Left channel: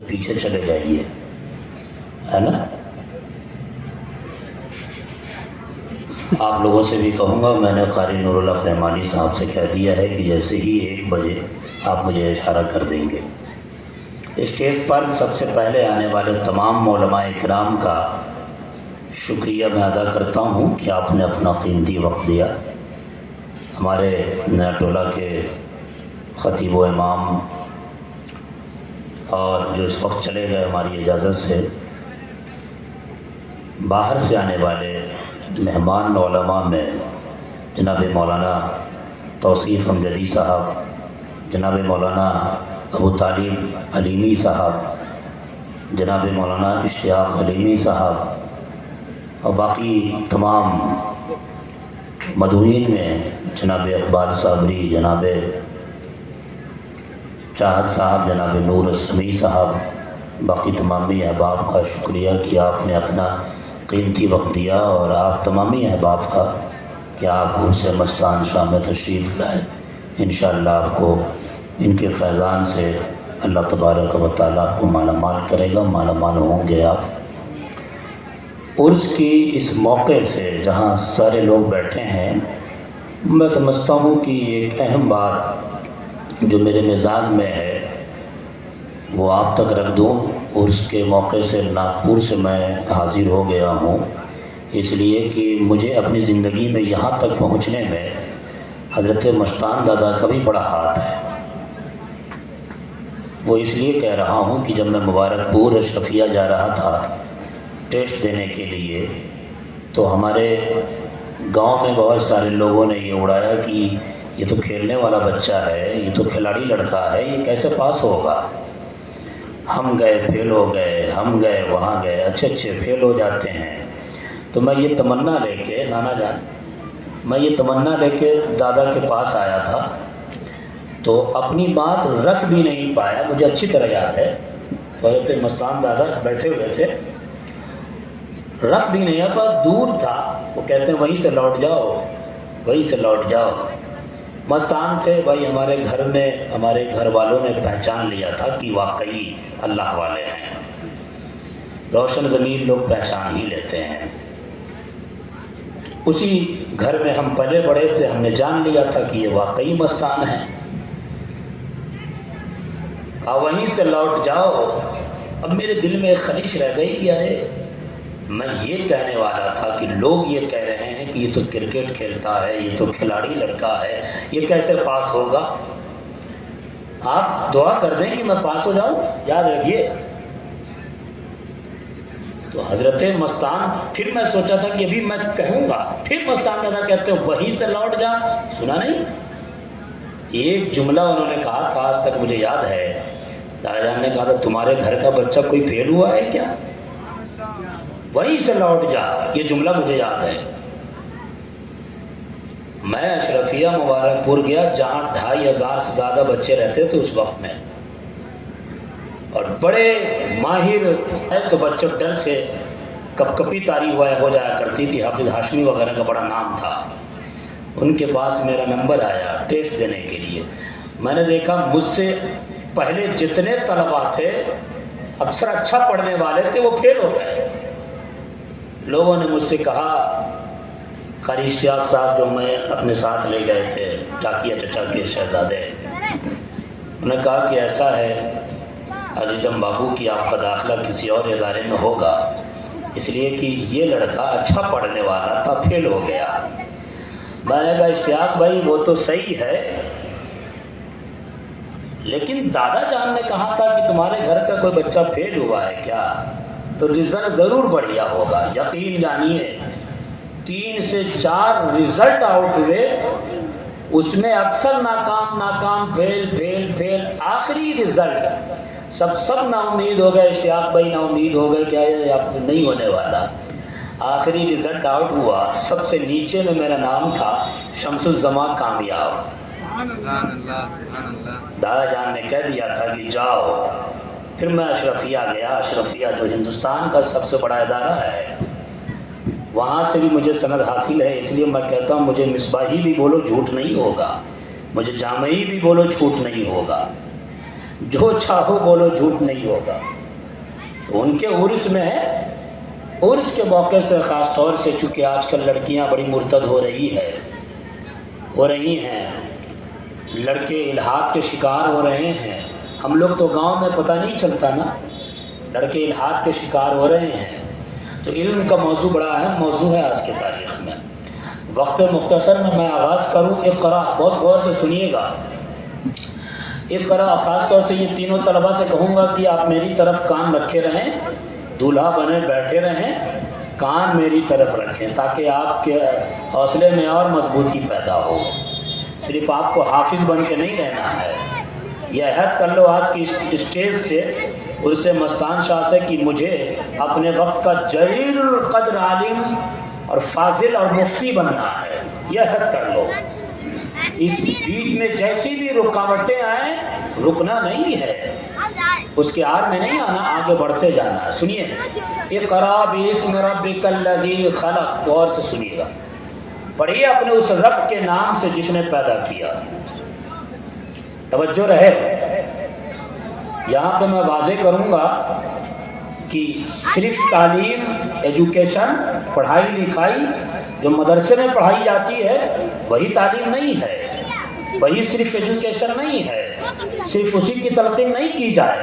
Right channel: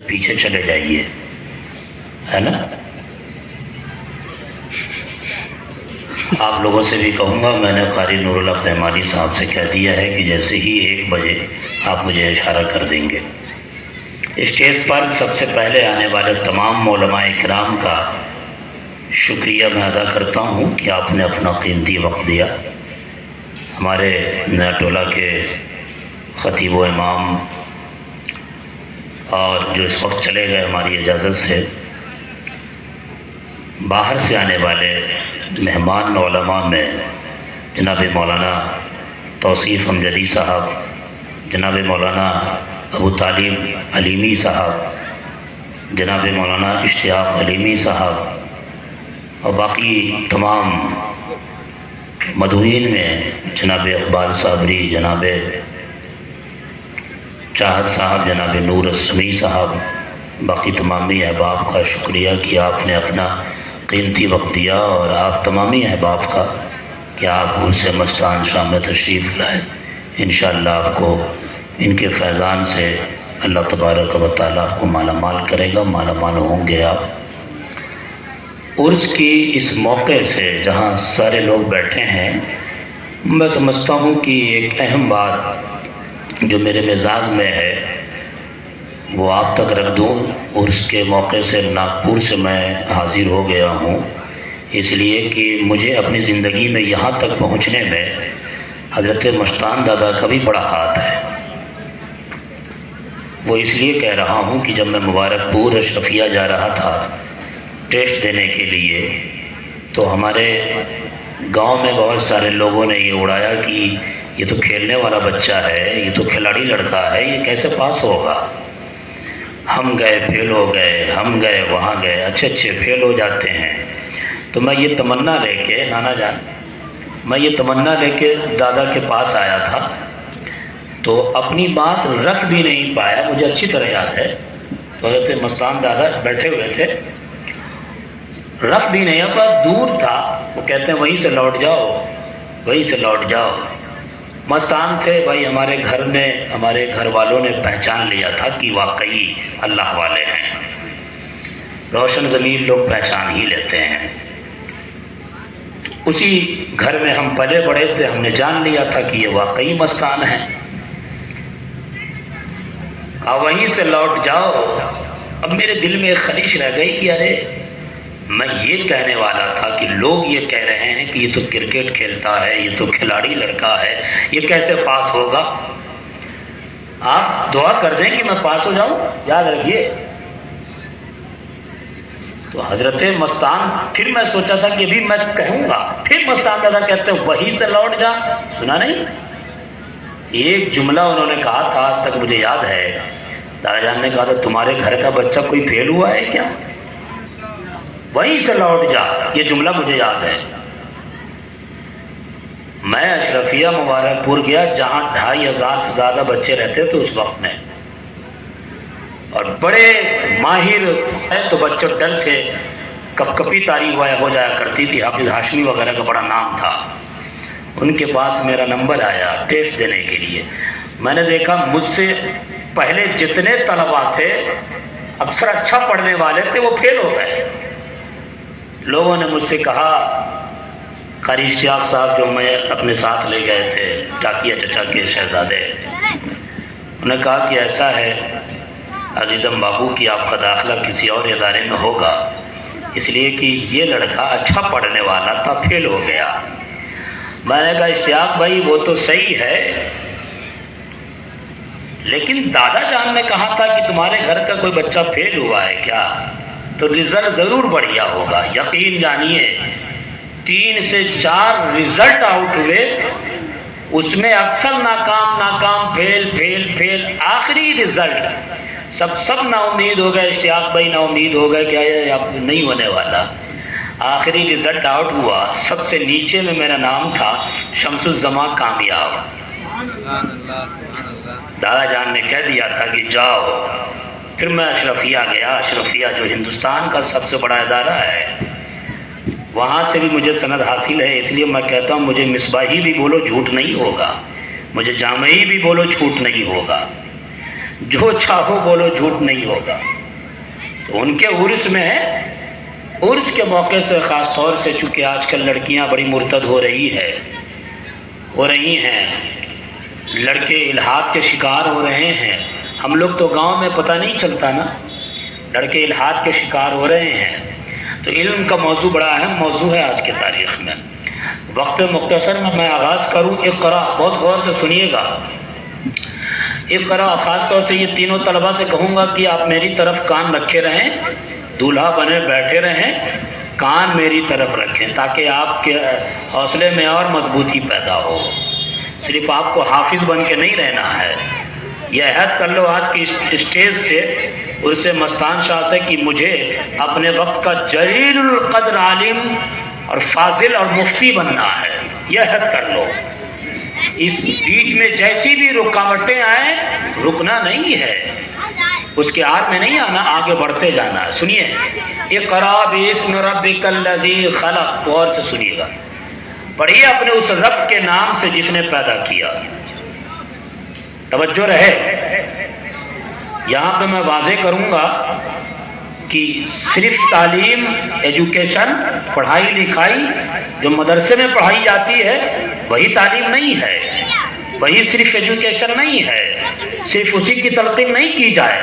پیچھے چلے جائیے، ہے نا؟ آپ لوگوں سے بھی کہوں گا، میں نے قاری نور اللہ رحمانی صاحب سے کہہ دیا ہے کہ جیسے ہی 1 بجے آپ مجھے اشارہ کر دیں گے۔ اسٹیج پر سب سے پہلے آنے والے تمام علماء اکرام کا شکریہ میں ادا کرتا ہوں کہ آپ نے اپنا قیمتی وقت دیا۔ ہمارے نیا ٹولہ کے خطیب و امام اور جو اس وقت چلے گئے ہماری اجازت سے، باہر سے آنے والے مہمان علماء میں جناب مولانا توصیف امجدی صاحب، جناب مولانا ابو طالب علیمی صاحب، جناب مولانا اشتیاق علیمی صاحب اور باقی تمام مدعوین میں جناب اقبال صابری، جناب چاہت صاحب، جناب نور اسلمی صاحب، باقی تمامی احباب کا شکریہ کہ آپ نے اپنا قیمتی وقت دیا، اور آپ تمامی احباب کا کہ آپ عرس مستان شام میں تشریف لائے۔ انشاءاللہ آپ کو ان کے فیضان سے اللہ تبارک و تعالیٰ آپ کو مالا مال کرے گا، مالا مال ہوں گے آپ۔ عرس کی اس موقع سے جہاں سارے لوگ بیٹھے ہیں، میں سمجھتا ہوں کہ ایک اہم بات جو میرے مزاج میں ہے وہ آپ تک رکھ دوں۔ عرس کے موقع سے ناگپور سے میں حاضر ہو گیا ہوں، اس لیے کہ مجھے اپنی زندگی میں یہاں تک پہنچنے میں حضرت مستان دادا کا بھی بڑا ہاتھ ہے۔ وہ اس لیے کہہ رہا ہوں کہ جب میں مبارک پور اشرفیہ جا رہا تھا ٹیسٹ دینے کے لیے، تو ہمارے گاؤں میں بہت سارے لوگوں نے یہ اڑایا کہ یہ تو کھیلنے والا بچہ ہے، یہ تو کھلاڑی لڑکا ہے، یہ کیسے پاس ہوگا؟ ہم گئے فیل ہو گئے، ہم گئے وہاں گئے، اچھے فیل ہو جاتے ہیں۔ تو میں یہ تمنا لے کے نانا جان، میں یہ تمنا لے کے دادا کے پاس آیا تھا، تو اپنی بات رکھ بھی نہیں پایا۔ مجھے اچھی طرح یاد ہے حضرت مستان دادا بیٹھے ہوئے تھے، رکھ بھی نہیں پایا، دور تھا۔ وہ کہتے ہیں وہیں سے لوٹ جاؤ، وہیں سے لوٹ جاؤ۔ مستان تھے بھائی، ہمارے گھر نے، ہمارے گھر والوں نے پہچان لیا تھا کہ واقعی اللہ والے ہیں۔ روشن ضمیر لوگ پہچان ہی لیتے ہیں۔ اسی گھر میں ہم پلے بڑے تھے، ہم نے جان لیا تھا کہ یہ واقعی مستان ہے۔ وہیں سے لوٹ جاؤ۔ اب میرے دل میں ایک خواہش رہ گئی کہ ارے میں یہ کہنے والا تھا کہ لوگ یہ کہہ رہے ہیں کہ یہ تو کرکٹ کھیلتا ہے، یہ تو کھلاڑی لڑکا ہے، یہ کیسے پاس ہوگا؟ آپ دعا کر دیں کہ میں پاس ہو جاؤں، یاد رکھیے۔ تو حضرت مستان، پھر میں سوچا تھا کہ ابھی میں کہوں گا، پھر مستان دادا کہتے ہیں وہیں سے لوٹ جا۔ سنا نہیں؟ ایک جملہ انہوں نے کہا تھا، آج تک مجھے یاد ہے۔ دادا جان نے کہا تھا تمہارے گھر کا بچہ کوئی فیل ہوا ہے کیا؟ وہیں سے لوٹ جا۔ یہ جملہ مجھے یاد ہے۔ میں اشرفیہ مبارک پور گیا جہاں 2500 سے زیادہ بچے رہتے تھے اس وقت میں، اور بڑے ماہر ہیں، تو بچوں ڈر سے کپ کپی تاری ہو جایا کرتی تھی۔ حافظ ہاشمی وغیرہ کا بڑا نام تھا۔ ان کے پاس میرا نمبر آیا ٹیسٹ دینے کے لیے۔ میں نے دیکھا مجھ سے پہلے جتنے طلباء تھے، اکثر اچھا پڑھنے والے تھے، وہ فیل ہو گئے۔ لوگوں نے مجھ سے کہا، قاری اشتیاق صاحب جو میں اپنے ساتھ لے گئے تھے، ٹاکیہ چچا کے شہزادے، انہوں نے کہا کہ ایسا ہے عزیزم بابو کہ آپ کا داخلہ کسی اور ادارے میں ہوگا، اس لیے کہ یہ لڑکا اچھا پڑھنے والا تھا، فیل ہو گیا۔ میں نے کہا اشتیاق بھائی وہ تو صحیح ہے، لیکن دادا جان نے کہا تھا کہ تمہارے گھر کا کوئی بچہ فیل ہوا ہے کیا، تو رزلٹ ضرور بڑھیا ہوگا۔ یقین جانیے 3 سے 4 رزلٹ آؤٹ ہوئے، اس میں اکثر ناکام، فیل۔ آخری رزلٹ سب نا امید ہو گئے، اشتیاق بھائی نا امید ہو گئے کہ اب نہیں ہونے والا۔ آخری رزلٹ آؤٹ ہوا، سب سے نیچے میں میرا نام تھا، شمس الزماں کامیاب۔ دادا جان نے کہہ دیا تھا کہ جاؤ۔ پھر میں اشرفیہ گیا۔ اشرفیہ جو ہندوستان کا سب سے بڑا ادارہ ہے، وہاں سے بھی مجھے سند حاصل ہے، اس لیے میں کہتا ہوں مجھے مصباحی بھی بولو جھوٹ نہیں ہوگا، مجھے جامعی بھی بولو جھوٹ نہیں ہوگا۔ جو چاہو بولو جھوٹ نہیں ہوگا. تو ان کے عرس میں عرس کے موقع سے خاص طور سے چونکہ آج کل لڑکیاں بڑی مرتد ہو رہی ہیں، لڑکے الحاد کے شکار ہو رہے ہیں. ہم لوگ تو گاؤں میں پتہ نہیں چلتا نا، لڑکے الحاد کے شکار ہو رہے ہیں. تو علم کا موضوع بڑا اہم موضوع ہے آج کے تاریخ میں. وقت مختصر میں آغاز کروں. اقرا، بہت غور سے سنیے گا. اقرا، خاص طور سے یہ تینوں طلباء سے کہوں گا کہ آپ میری طرف کان رکھے رہیں، دولہا بنے بیٹھے رہیں، کان میری طرف رکھیں تاکہ آپ کے حوصلے میں اور مضبوطی پیدا ہو. صرف آپ کو حافظ بن کے نہیں رہنا ہے. یہ عہد کر لو آج کی اسٹیج سے، اس سے مستان شاہ سے، کہ مجھے اپنے وقت کا جلیل القدر عالم اور فاضل اور مفتی بننا ہے. یہ عہد کر لو. اس بیچ میں جیسی بھی رکاوٹیں آئیں، رکنا نہیں ہے، اس کے آر میں نہیں آنا، آگے بڑھتے جانا ہے. سنیے، اقرا باسم ربک الذی خلق. غور سے سنیے گا، پڑھیے اپنے اس رب کے نام سے جس نے پیدا کیا. توجہ رہے. یہاں پہ میں واضح کروں گا کہ صرف تعلیم، ایجوکیشن، پڑھائی لکھائی جو مدرسے میں پڑھائی جاتی ہے وہی تعلیم نہیں ہے، وہی صرف ایجوکیشن نہیں ہے. صرف اسی کی تلقین نہیں کی جائے،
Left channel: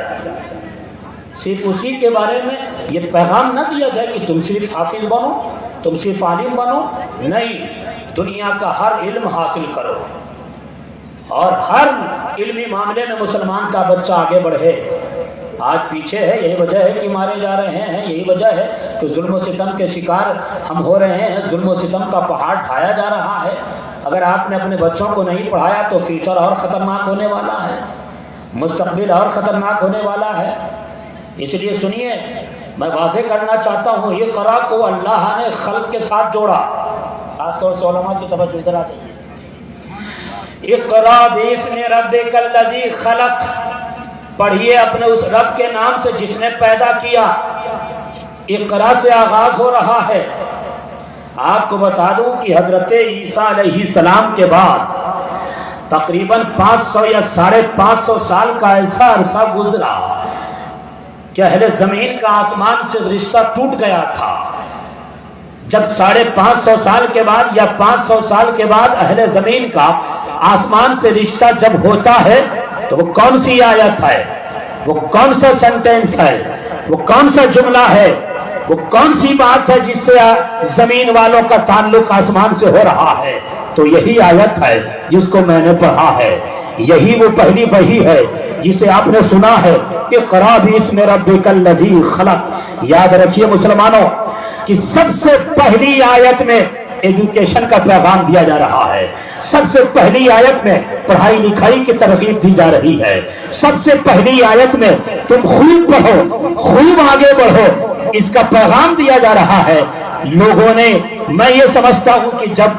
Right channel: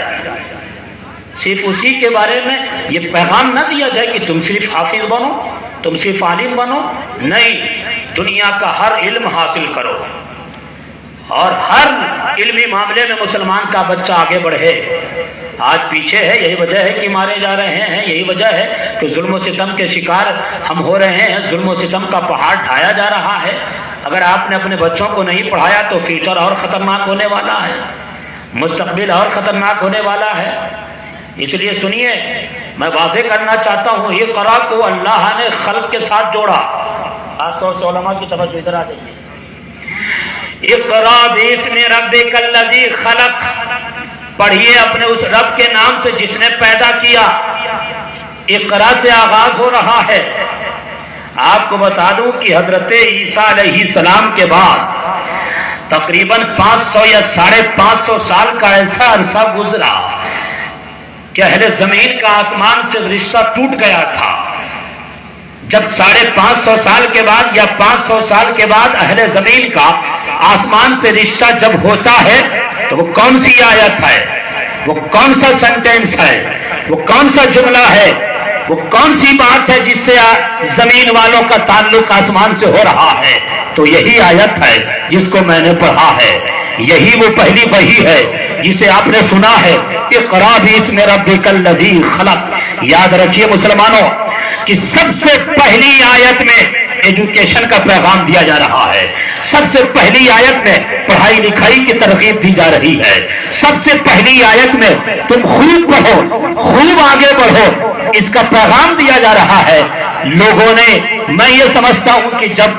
صرف اسی کے بارے میں یہ پیغام نہ دیا جائے کہ تم صرف حافظ بنو، تم صرف عالم بنو. نہیں، دنیا کا ہر علم حاصل کرو اور ہر علمی معاملے میں مسلمان کا بچہ آگے بڑھے. آج پیچھے ہے، یہی وجہ ہے کہ مارے جا رہے ہیں، یہی وجہ ہے کہ ظلم و ستم کے شکار ہم ہو رہے ہیں. ظلم و ستم کا پہاڑ ڈھایا جا رہا ہے. اگر آپ نے اپنے بچوں کو نہیں پڑھایا تو فیوچر اور خطرناک ہونے والا ہے، مستقبل اور خطرناک ہونے والا ہے. اس لیے سنیے، میں واضح کرنا چاہتا ہوں، یہ قرآ کو اللہ نے خلق کے ساتھ جوڑا. خاص طور سے علماء کی توجہ ادھر آ جائیے. اقرا باسم ربک الذی خلق، پڑھیے اپنے اس رب کے نام سے جس نے پیدا کیا. اقرا سے آغاز ہو رہا ہے. آپ کو بتا دوں کہ حضرت عیسیٰ علیہ السلام کے بعد تقریباً 500 یا 550 سال کا ایسا عرصہ گزرا کہ اہل زمین کا آسمان سے رشتہ ٹوٹ گیا تھا. جب 550 سال کے بعد یا 500 سال کے بعد اہل زمین کا آسمان سے رشتہ جب ہوتا ہے تو وہ کون سی آیت ہے، وہ کون سا سینٹینس ہے، وہ کون سا جملہ ہے، وہ کون سی بات ہے جس سے زمین والوں کا تعلق آسمان سے ہو رہا ہے؟ تو یہی آیت ہے جس کو میں نے پڑھا ہے. یہی وہ پہلی وحی ہے جسے آپ نے سنا ہے، اقرا باسم ربک الذی خلق. یاد رکھیے مسلمانوں کہ سب سے پہلی آیت میں ایجوکیشن کا پیغام دیا جا رہا ہے. سب سے پہلی آیت میں پڑھائی لکھائی کی ترغیب دی جا رہی ہے. سب سے پہلی آیت میں تم خوب پڑھو، خوب آگے بڑھو، اس کا پیغام دیا جا رہا ہے. لوگوں نے، میں یہ سمجھتا ہوں کہ جب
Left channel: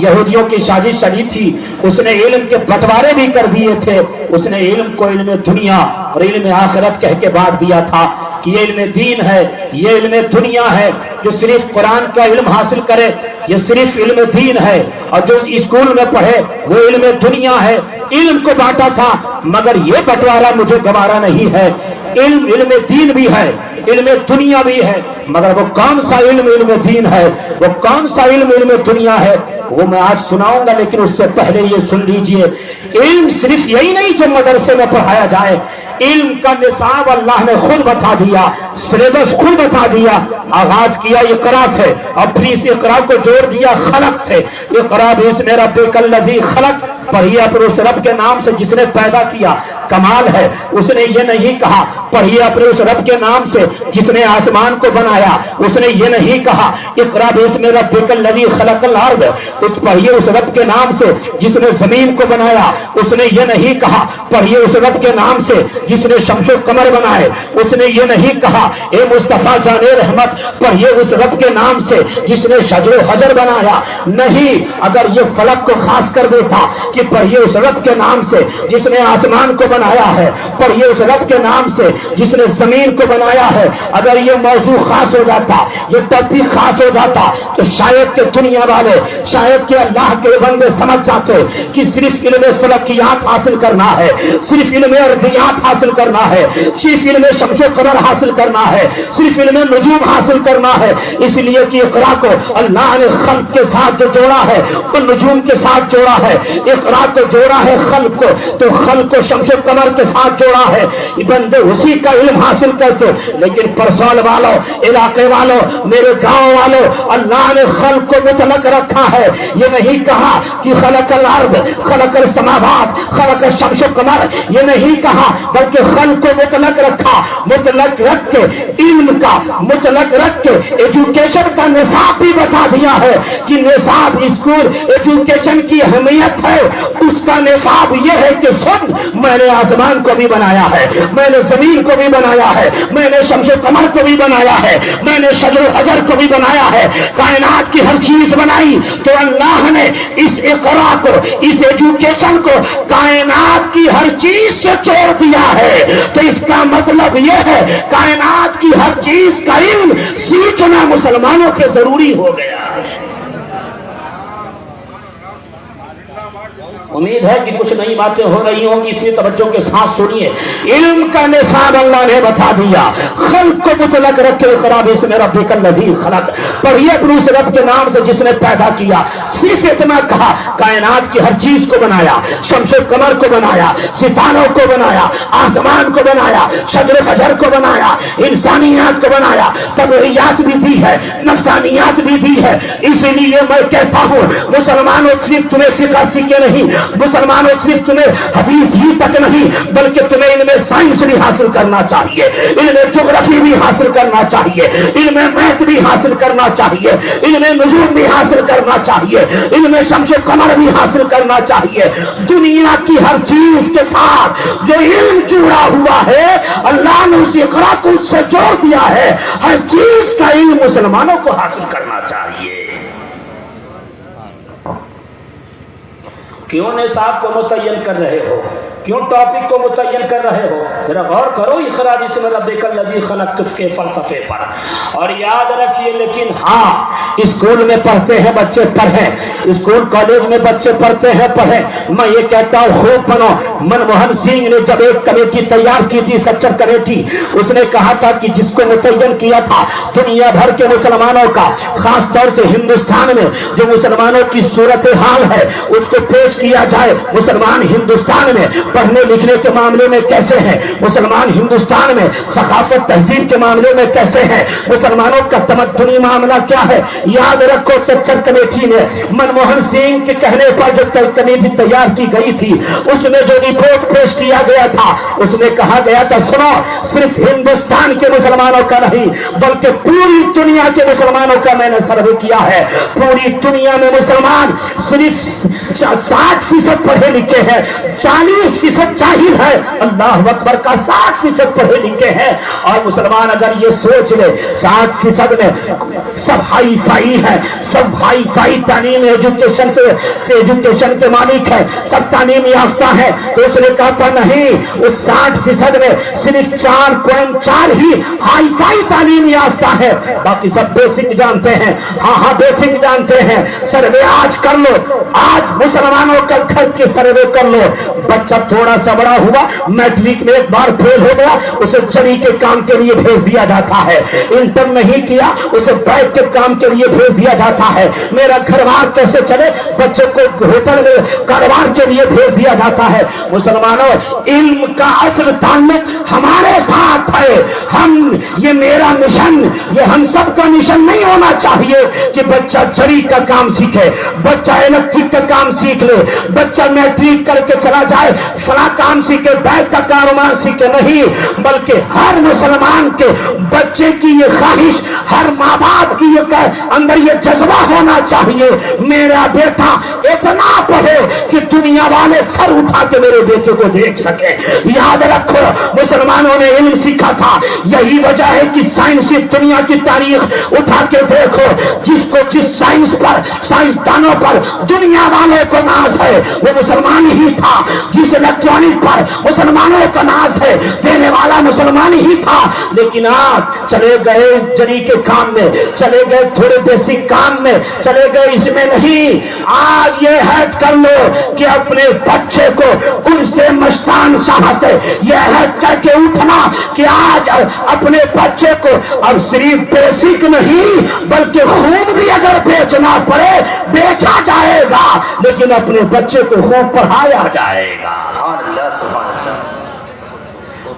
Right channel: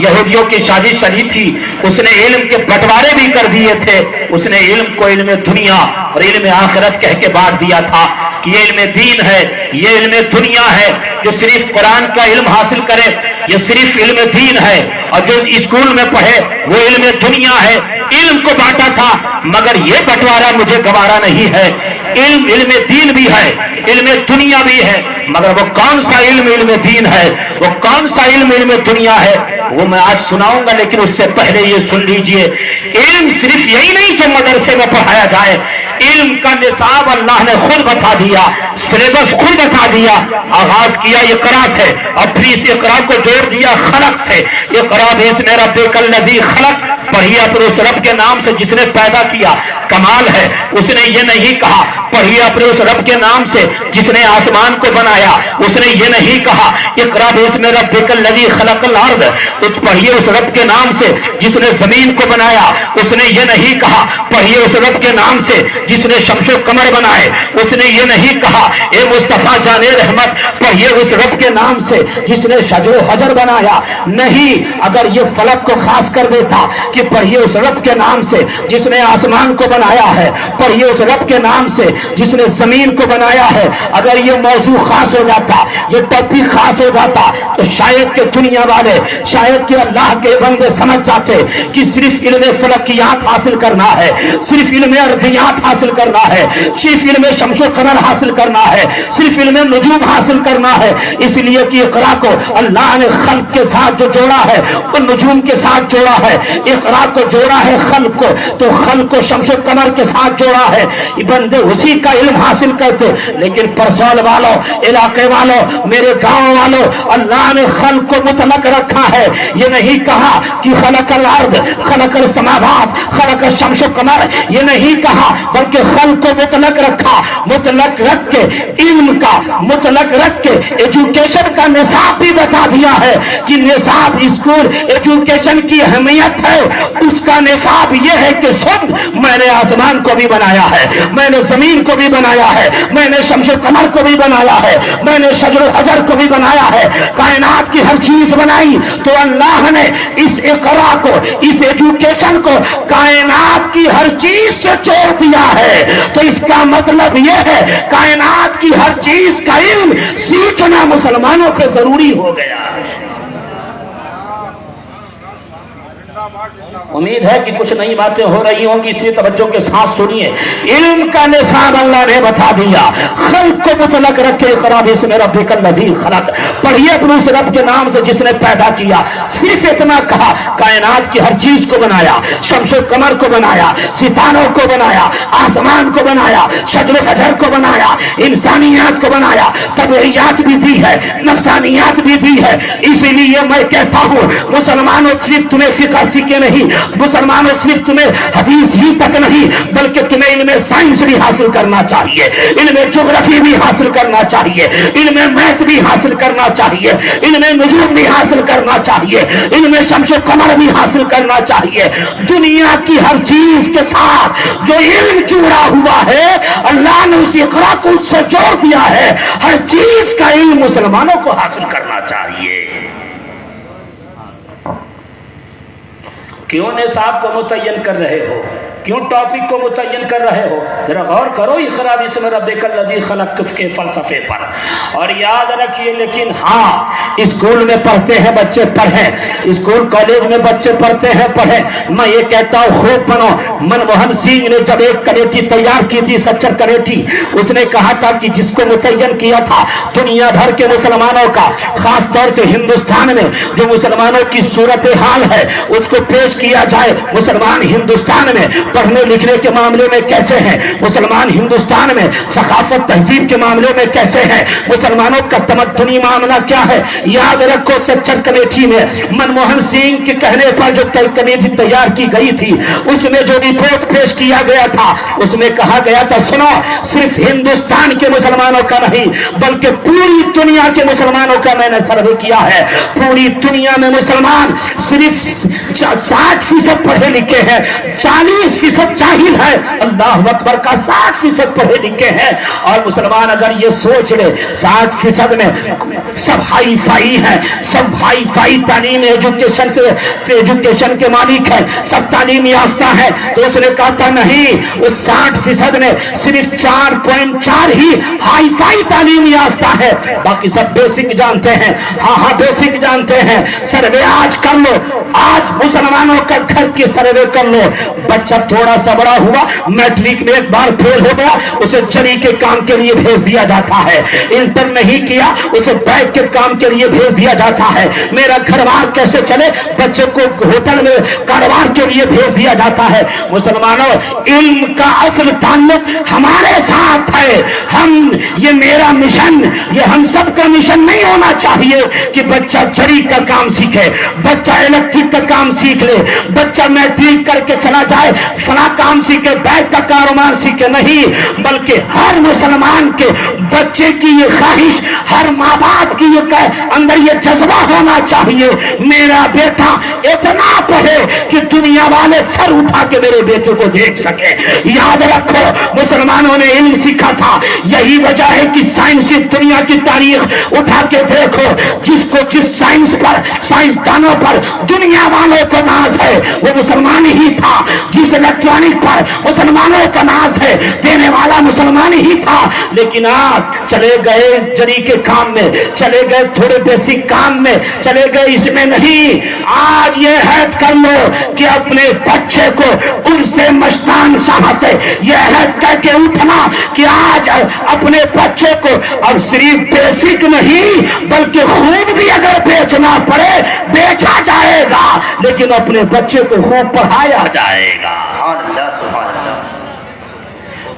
یہودیوں کی سازش چلی تھی، اس نے علم کے بٹوارے بھی کر دیے تھے. اس نے علم کو علم دنیا اور علم آخرت کہہ کے بانٹ دیا تھا کہ یہ علم دین ہے، یہ علم دنیا ہے. جو صرف قرآن کا علم حاصل کرے یہ صرف علم دین ہے، اور جو اسکول میں پڑھے وہ علم دنیا ہے. علم کو بانٹا تھا، مگر یہ بٹوارا مجھے گوارا نہیں ہے. علم دین بھی ہے، علم دنیا بھی ہے، مگر وہ کون سا علم دین ہے، وہ کون سا علم دنیا ہے، وہ میں آج سناؤں گا. لیکن اس سے پہلے یہ سن لیجئے، علم صرف یہی نہیں جو مدرسے میں پڑھایا جائے. علم کا نصاب اللہ نے خود بتا دیا، سلیبس خود بتا دیا. آغاز کیا اقرا سے اور پھر اس اقرا کو جوڑ دیا خلق سے. اقرا باسم ربک الذی خلق، پڑھیے اپنے اس رب کے نام سے جس نے پیدا کیا. کمال ہے، اس نے یہ نہیں کہا پڑھیے اپنے اس رب کے نام سے جس نے آسمان کو بنایا. اس نے یہ نہیں کہا اقرا باسم ربک الذی خلق الارض، پڑھیے اس رب کے نام سے جس نے زمین کو بنایا. اس نے یہ نہیں کہا پڑھیے اس رب کے نام سے جس نے شمس و قمر بنائے. اس نے یہ نہیں کہا اے مصطفیٰ جان رحمت پڑھیے اس رب کے نام سے جس نے شجر و حجر بنایا. نہیں، اگر یہ فلک کو خاص کر دیتا کہ پڑھیے اس رب کے نام سے جس نے آسمان کو بنایا ہے, پڑھیے اس رب کے نام سے جس نے زمین کو بنایا ہے. اگر یہ موضوع خاص ہو جاتا, یہ ٹاپک خاص ہو جاتا تو شاید کہ دنیا والے, شاید کہ اللہ کے بندے سمجھ جاتے کہ صرف علم فلکیات حاصل کرنا ہے, صرف علم ارضیات حاصل کرنا ہے, صرف علم شمس و قمر حاصل کرنا ہے, صرف علم نجوم حاصل کرنا ہے. اس لیے کہ اقرا کو اللہ نے خلق کے ساتھ جو جوڑا ہے وہ نجوم کے ساتھ جوڑا ہے. اقرا کو جوڑا ہے خلق کو, تو خلق کو شمس و قمر کے ساتھ جوڑا ہے. بندے اسی کا علم حاصل کرتے. لیکن پرسول والوں, علاقے والوں, میرے گاؤں والوں, اللہ نے خلق کو مطلق رکھا ہے. یہ نہیں کہا کہ خلق الارض, خلق السماوات, خلق الشمس و قمر, یہ نہیں کہا, بلکہ خلق کو مطلق رکھا. مطلق رکھ کے علم کا, مطلق رکھ کے ایجوکیشن کا نصاب بھی بتا دیا ہے کہ نصاب اسکول ایجوکیشن کی اہمیت ہے. اس کا نصاب یہ ہے کہ سن, میں نے آسمان کو بھی بنایا ہے, میں نے زمین کو بھی بنایا ہے, میں نے شمس و قمر کو بھی بنایا ہے, میں نے شجر و حجر کو بھی بنایا ہے, کائنات کی ہر چیز بنائی. تو اللہ نے اس اقرا کو, اس ایجوکیشن کو کائنات کی ہر چیز سے جوڑ دیا ہے. تو اس کا مطلب یہ ہے کائنات کی ہر چیز کا علم سیکھنا مسلمانوں پہ ضروری ہو گیا. امید ہے کہ کچھ نئی باتیں ہو رہی ہوں گی, اس لیے توجہ کے ساتھ سنیے. علم کا نصاب اللہ نے بتا دیا. خلق کو مطلق رکھے, اقرا باسم ربک الذی خلق, پڑھیے اپنے اس رب کے نام سے جس نے پیدا کیا. صرف اتنا کہا, کائنات کی ہر چیز کو بنایا, شمس و قمر کو بنایا, ستاروں کو بنایا, آسمان کو بنایا, شجر و حجر کو بنایا, انسانیات کو بنایا, طبعیات بھی دی ہے, نفسانیات بھی دی ہے. اسی لیے میں کہتا ہوں مسلمانوں, صرف تمہیں فقہ سیکھے نہیں, مسلمانوں صرف تمہیں حدیث ہی تک نہیں, بلکہ تمہیں علم سائنس بھی حاصل کرنا چاہیے, علم جغرافی بھی حاصل کرنا چاہیے, علم میتھ بھی حاصل کرنا چاہیے, علم نجوم بھی حاصل کرنا چاہیے, علم شمس و قمر بھی حاصل کرنا چاہیے. دنیا کی ہر چیز کے ساتھ جو علم جڑا ہوا ہے اللہ نے اس اقرا کو اس سے جوڑ دیا ہے. ہر چیز کا علم مسلمانوں کو حاصل کرنا چاہیے. کیوں نصاب کو متعین کر رہے ہو, کیوں ٹاپک کو متعین کر رہے ہو؟ ذرا غور کرو اقرا باسم ربک الذی خلق کے فلسفے پر. اور یاد رکھیے, لیکن ہاں اسکول میں پڑھتے ہیں بچے, پڑھیں, اسکول کالج میں بچے پڑھتے ہیں, پڑھیں. میں یہ کہتا ہوں خوب پڑھو. منموہن سنگھ نے جب ایک کمیٹی تیار کی تھی, سچر کمیٹی, اس نے کہا تھا کہ جس کو متعین کیا تھا دنیا بھر کے مسلمانوں کا, خاص طور سے ہندوستان میں جو مسلمانوں کی صورتحال ہے اس کو پیش کیا جائے. مسلمان ہندوستان میں پڑھنے لکھنے کے معاملے میں کیسے ہیں, مسلمان ہندوستان میں ثقافت تہذیب کے معاملے میں کیسے ہیں, مسلمانوں کا تمدنی معاملہ کیا ہے. یاد رکھو سچر کمیٹی میں منموہن سنگھ کے کہنے پر جو کمیٹی تیار کی گئی تھی اس میں جو رپورٹ پیش کیا گیا تھا اس میں کہا گیا تھا, سنو, صرف ہندوستان کے مسلمانوں کا نہیں بلکہ پوری دنیا کے مسلمانوں کا میں نے سروے کیا ہے. پوری دنیا میں مسلمان صرف 60% پڑھے لکھے ہیں, 40% جاہل ہے. اللہ اکبر کا 60% پڑھے لکھے ہیں. اور مسلمان اگر یہ سوچ لے 60% میں سب ہائی فائی ہیں, سب ہائی فائی تعلیم ایجوکیشن کے مالک ہیں, سب تعلیم یافتہ ہیں, تو اس نے کہا تھا نہیں, اس 60% میں صرف 4.4 ہی ہائی فائی تعلیم یافتہ ہے, باقی سب بیسک جانتے ہیں. ہاں بیسک جانتے ہیں. سروے آج کر لو, آج مسلمانوں کا گھر کی سروے کر لو. بچہ تھوڑا سا بڑا ہوا, میٹرک میں ایک بار فیل ہو گیا, اسے چری کے کام کے لیے بھیج دیا جاتا ہے. انٹر نہیں کیا, اسے بیگ کے کام کے لیے بھیج دیا جاتا ہے. میرا گھر بار کیسے چلے, بچے کو ہوٹل میں کاروبار کے لیے بھیج دیا جاتا ہے. مسلمانوں, علم کا اصل تعلق ہمارے ساتھ ہے. یہ میرا مشن, یہ ہم سب کا مشن نہیں ہونا چاہیے کہ بچہ چری کا کام سیکھے, بچہ الیکٹرک کا کام سیکھ لے, بچہ میٹرک کر کے چلا جائے فلاں کام سیکھے, بیگ کا کاروبار سیکھے. نہیں, بلکہ ہر مسلمان کے بچے کی یہ خواہش, ہر ماں باپ کی اندر یہ جذبہ ہونا چاہیے, میرا بیٹا اتنا پڑھے کہ دنیا والے سر اٹھا کے میرے بیٹے کو دیکھ سکے. یاد رکھو مسلمانوں نے علم سیکھا تھا. یہی وجہ ہے کہ سائنسی دنیا کی تاریخ اٹھا کے دیکھو, جس کو جس سائنس پر, سائنسدانوں پر دنیا والوں کو ناز ہے وہ مسلمان ہی تھا. جس الیکٹرانک پر مسلمانوں کا ناز ہے دینے والا مسلمان ہی تھا. لیکن آپ چلے گئے جری کے کام میں, چلے گئے تھوڑے بیسک کام میں, چلے گئے اس میں نہیں. آج یہ عہد کر لو کہ اپنے بچے کو ان سے مشتان شاہ سے یہ عہد کر کے اٹھنا کہ آج اپنے بچے کو اب صرف بیسک نہیں بلکہ خود بھی اگر بیچنا پڑے بیچا جائے گا, لیکن اپنے بچے کو خوب پڑھایا جائے گا. سبحان اللہ سبحان اللہ.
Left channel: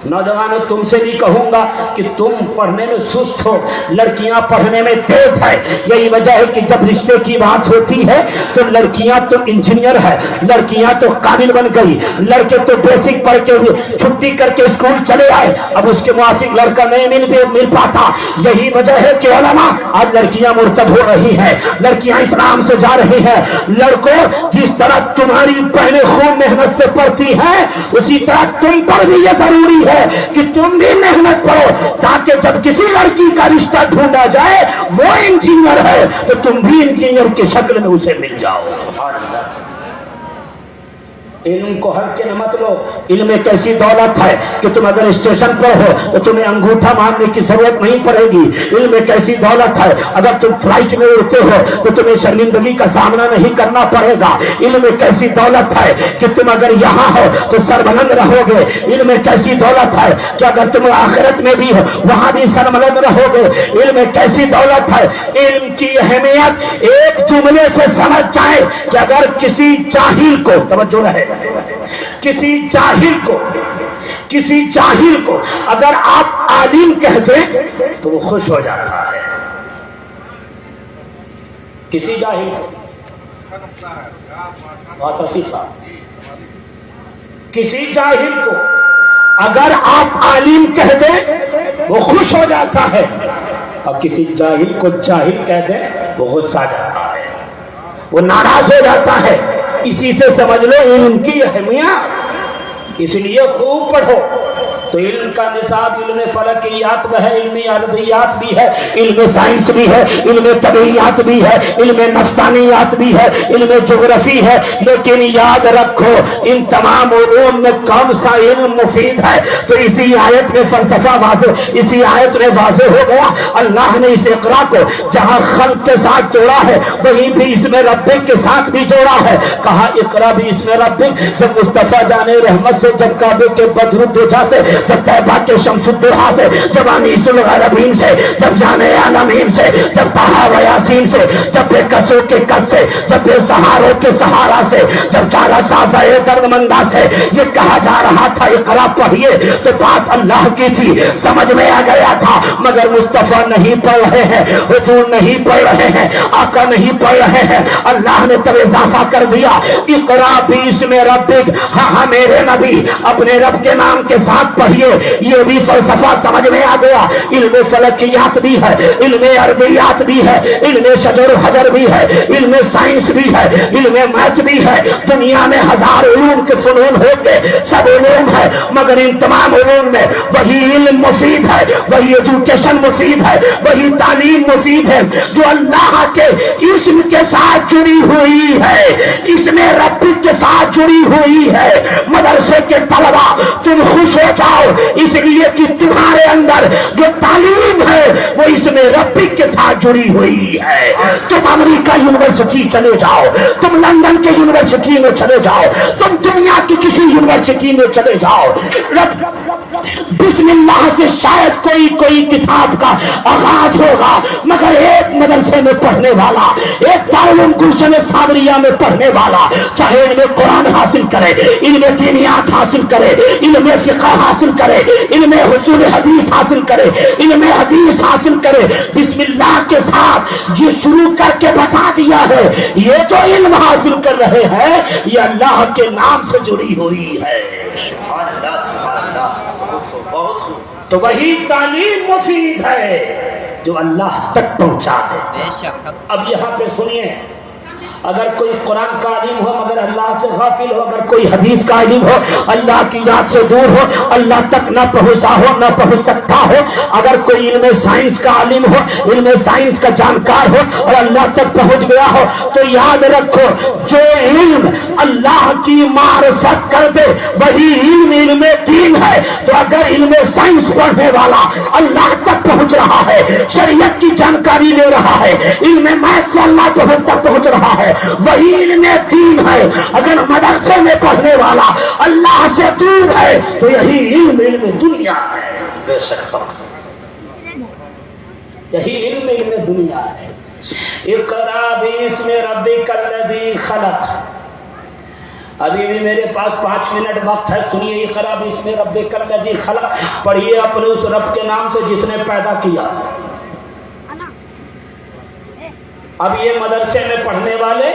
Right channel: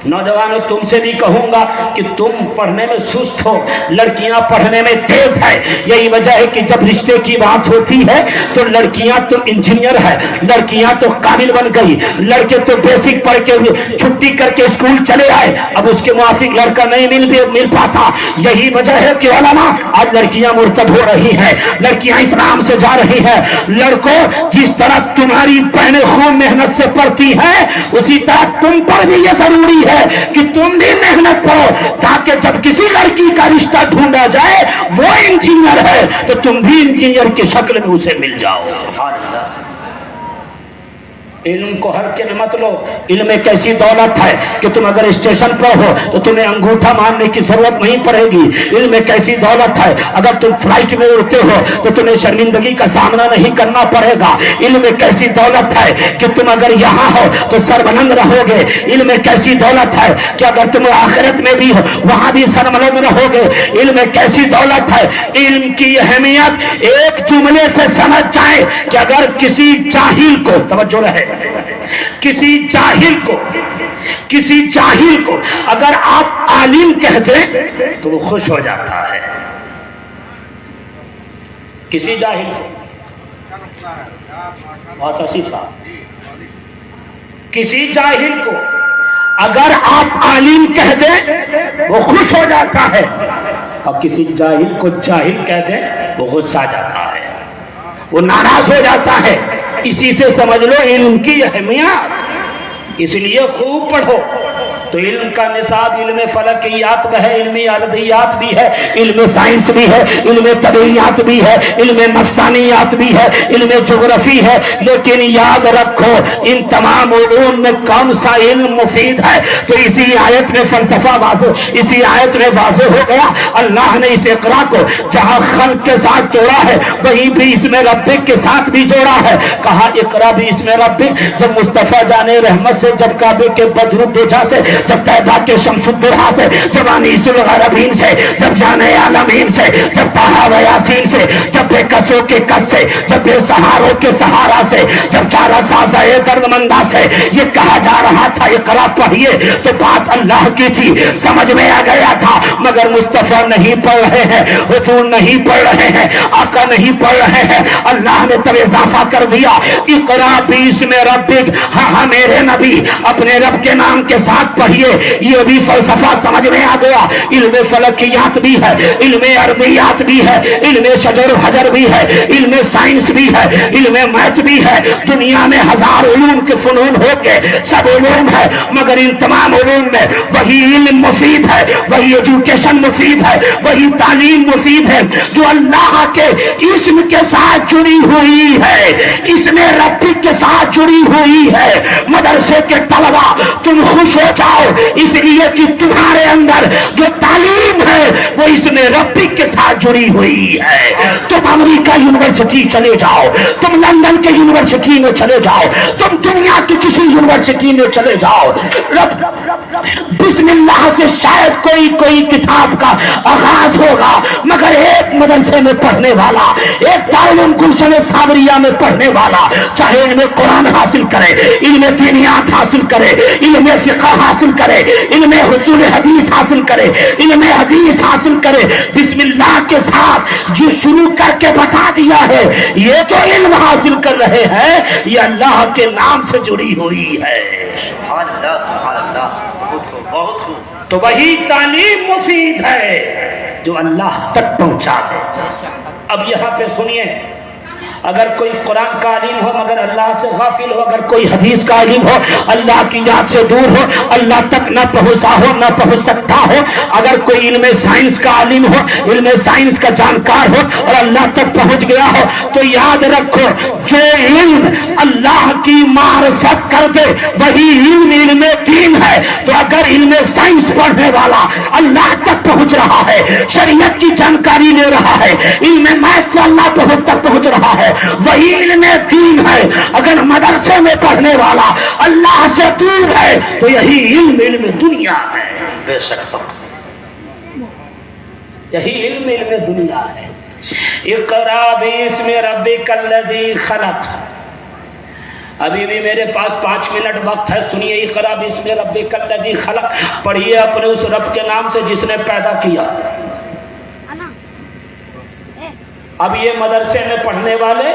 نوجوانوں تم سے بھی کہوں گا کہ تم پڑھنے میں سست ہو, لڑکیاں پڑھنے میں تیز ہے. یہی وجہ ہے کہ جب رشتے کی بات ہوتی ہے تو لڑکیاں تو انجینئر ہے, لڑکیاں تو قابل بن گئی, لڑکے تو بیسک پڑھ کے چھٹی کر کے اسکول چلے آئے, اب اس کے موافق لڑکا نہیں مل پاتا. یہی وجہ ہے کہ علماء آج لڑکیاں مرتب ہو رہی ہیں, لڑکیاں اسلام سے جا رہی ہیں. لڑکوں جس طرح تمہاری بہنیں خوب محنت سے پڑھتی ہیں اسی طرح تم پر بھی یہ ضروری ہے کہ تم بھی محنت کرو تاکہ جب کسی لڑکی کا رشتہ ڈھونڈا جائے وہ انجینئر ہے تو تم بھی انجینئر کی شکل میں اسے مل جاؤ. سبحان اللہ سبحان. علم کو ہلکے میں مت لو. علم ایک ایسی دولت ہے کہ تم اگر اسٹیشن پر ہو تو تمہیں انگوٹھا مارنے کی ضرورت نہیں پڑے گی. علم ایک ایسی دولت ہے اگر تم فلائٹ میں اڑتے ہو تو تمہیں شرمندگی کا سامنا نہیں کرنا پڑے گا. علم ایک ایسی دولت ہے کہ تم اگر یہاں ہو تو سربلند رہو گے. علم ایک ایسی دولت ہے کہ اگر تم آخرت میں بھی ہو وہاں بھی سربلند رہو گے. علم ایک ایسی دولت ہے, علم کی اہمیت ایک جملے سے سمجھ جائے کہ اگر کسی جاہل کو, توجہ رہے, کسی جاہل کو اگر آپ عالم کہہ دیں تو وہ خوش ہو جاتا ہے. کسی جاہل کو, بہت آصف صاحب, کسی جاہل کو اگر آپ عالم کہہ دیں وہ خوش ہو جاتا ہے, اور کسی جاہل کو جاہل کہہ دیں وہ غصہ آ جاتا ہے, وہ ناراض ہو جاتا ہے. اسی سے سمجھ لو علم کی اہمیت. اس لیے خوب پڑھو. تو علم کا نصاب علم فلکیات میں ہے, علم ارضیات بھی ہے, علم سائنس بھی ہے, علم طبیعیات بھی ہے, علم نفسانیات بھی ہے, علم جغرافی ہے. لیکن یاد رکھو ان تمام علوم میں کون سا علم مفید ہے؟ تو اسی آیت میں فلسفہ واضح, اسی آیت میں واضح ہو گیا. اللہ نے اس اقرا کو جہاں خلق کے ساتھ جوڑا ہے وہیں بھی اس میں ربک کے ساتھ بھی جوڑا ہے. کہا اقرا بھی اس میں ربک. جب مصطفیٰ جان رحمت سے, جب کعبے کے بدرالدجا سے, جب طیبہ کے شمس الدحا سے, جب انیس الغربین سے, جب جان عالمین سے, جب طٰہٰ و یاسین سے, جب بے کسوں کے کس سے, جب بے سہاروں کے سہارا سے, جب چارہ سازہ درد مندہ سے یہ کہا جا رہا تھا اقرا پڑھیے, تو بات اللہ کی تھی, سمجھ میں آ گیا تھا. مگر مصطفیٰ نہیں پڑھ رہے ہیں, حضور نہیں پڑھ رہے ہیں, آقا نہیں پڑھ رہے ہیں. اللہ نے تب اضافہ کر دیا اقرا بسم ربک. ہاں میرے نبی اپنے رب کے نام کے ساتھ پڑھیے. یہ بھی فلسفہ سمجھ میں آ گیا. علم فلکیات بھی ہے, علم ارضیات بھی ہے, علم شجر و حجر بھی ہے, علم سائنس بھی ہے, علم میتھ بھی ہے. دنیا میں ہزار علوم کے فنون ہو کے سب علوم ہے, مگر ان تمام علوم میں وہی علم مفید ہے, وہی ایجوکیشن مفید ہے, وہی تعلیم مفید ہے جو اللہ کے اسم کے ساتھ جڑی ہوئی ہے, اس میں رب کے ساتھ جڑی ہوئی ہے. مدرسے کے طلبا تم خوش ہو جاؤ اس لیے کہ تمہارے اندر جو تعلیم ہے وہ اس میں ربی کے ساتھ جڑی ہوئی ہے. تم امریکہ یونیورسٹی چلے جاؤ, تم لندن کے یونیورسٹی میں چلے جاؤ, تم دنیا کی کسی یونیورسٹی میں چلے جاؤ, بسم اللہ سے شاید کوئی کتاب کا آغاز ہوگا, مگر ایک مدرسے میں پڑھنے والا, ایک دارالعلوم گلشن صابریہ میں پڑھنے والا, چاہے علم قرآن حاصل کرے, علم دینیات حاصل کرے, علم فقہ حاصل کرے, علم حصول حدیث حاصل کرے, علم حدیث حاصل کرے, بسم اللہ کے ساتھ یہ شروع کر کے بتا دیا ہے یہ جو علم حاصل کر رہے ہیں یہ اللہ کے نام سے جڑی ہوئی ہے. سبحان اللہ سبحان اللہ. بہت خوب بہت خوب. تو وہی تعلیم مفید ہے جو اللہ تک پہنچا دے. اب یہاں پہ سنیے, اگر کوئی قرآن کا علیم ہو مگر اللہ سے غافل ہو, اگر کوئی حدیث کا علیم ہو اللہ کی یاد سے دور ہو, اللہ تک نہ پہنچا ہو, نہ پہنچ سکتا ہو, اگر کوئی علم سائنس کا علیم ہو, علم سائنس کا جانکار ہو اور اللہ تک پہنچ گیا ہو, تو یاد رکھو جو علم اللہ کی معرفت کر دے وہی علم دین ہے. تو اگر علم سائنس پڑھنے والا اللہ تک پہنچ رہا ہے, شریعت کی جانکاری لے رہا ہے, علم میتھ سے اللہ تک پہنچ رہا ہے, وہی علم دین ہے. اگر مدرسے میں پڑھنے والا اللہ سے دور ہے تو یہی علم دنیا ہے. بے شک یہی علم دنیا ہے. اقرا باسم ربک الذی خلق. ابھی بھی میرے پاس 5 منٹ وقت ہے, سنیے. اقرا باسم ربک الذی خلق, پڑھیے اپنے اس رب کے نام سے جس نے پیدا کیا. اب یہ مدرسے میں پڑھنے والے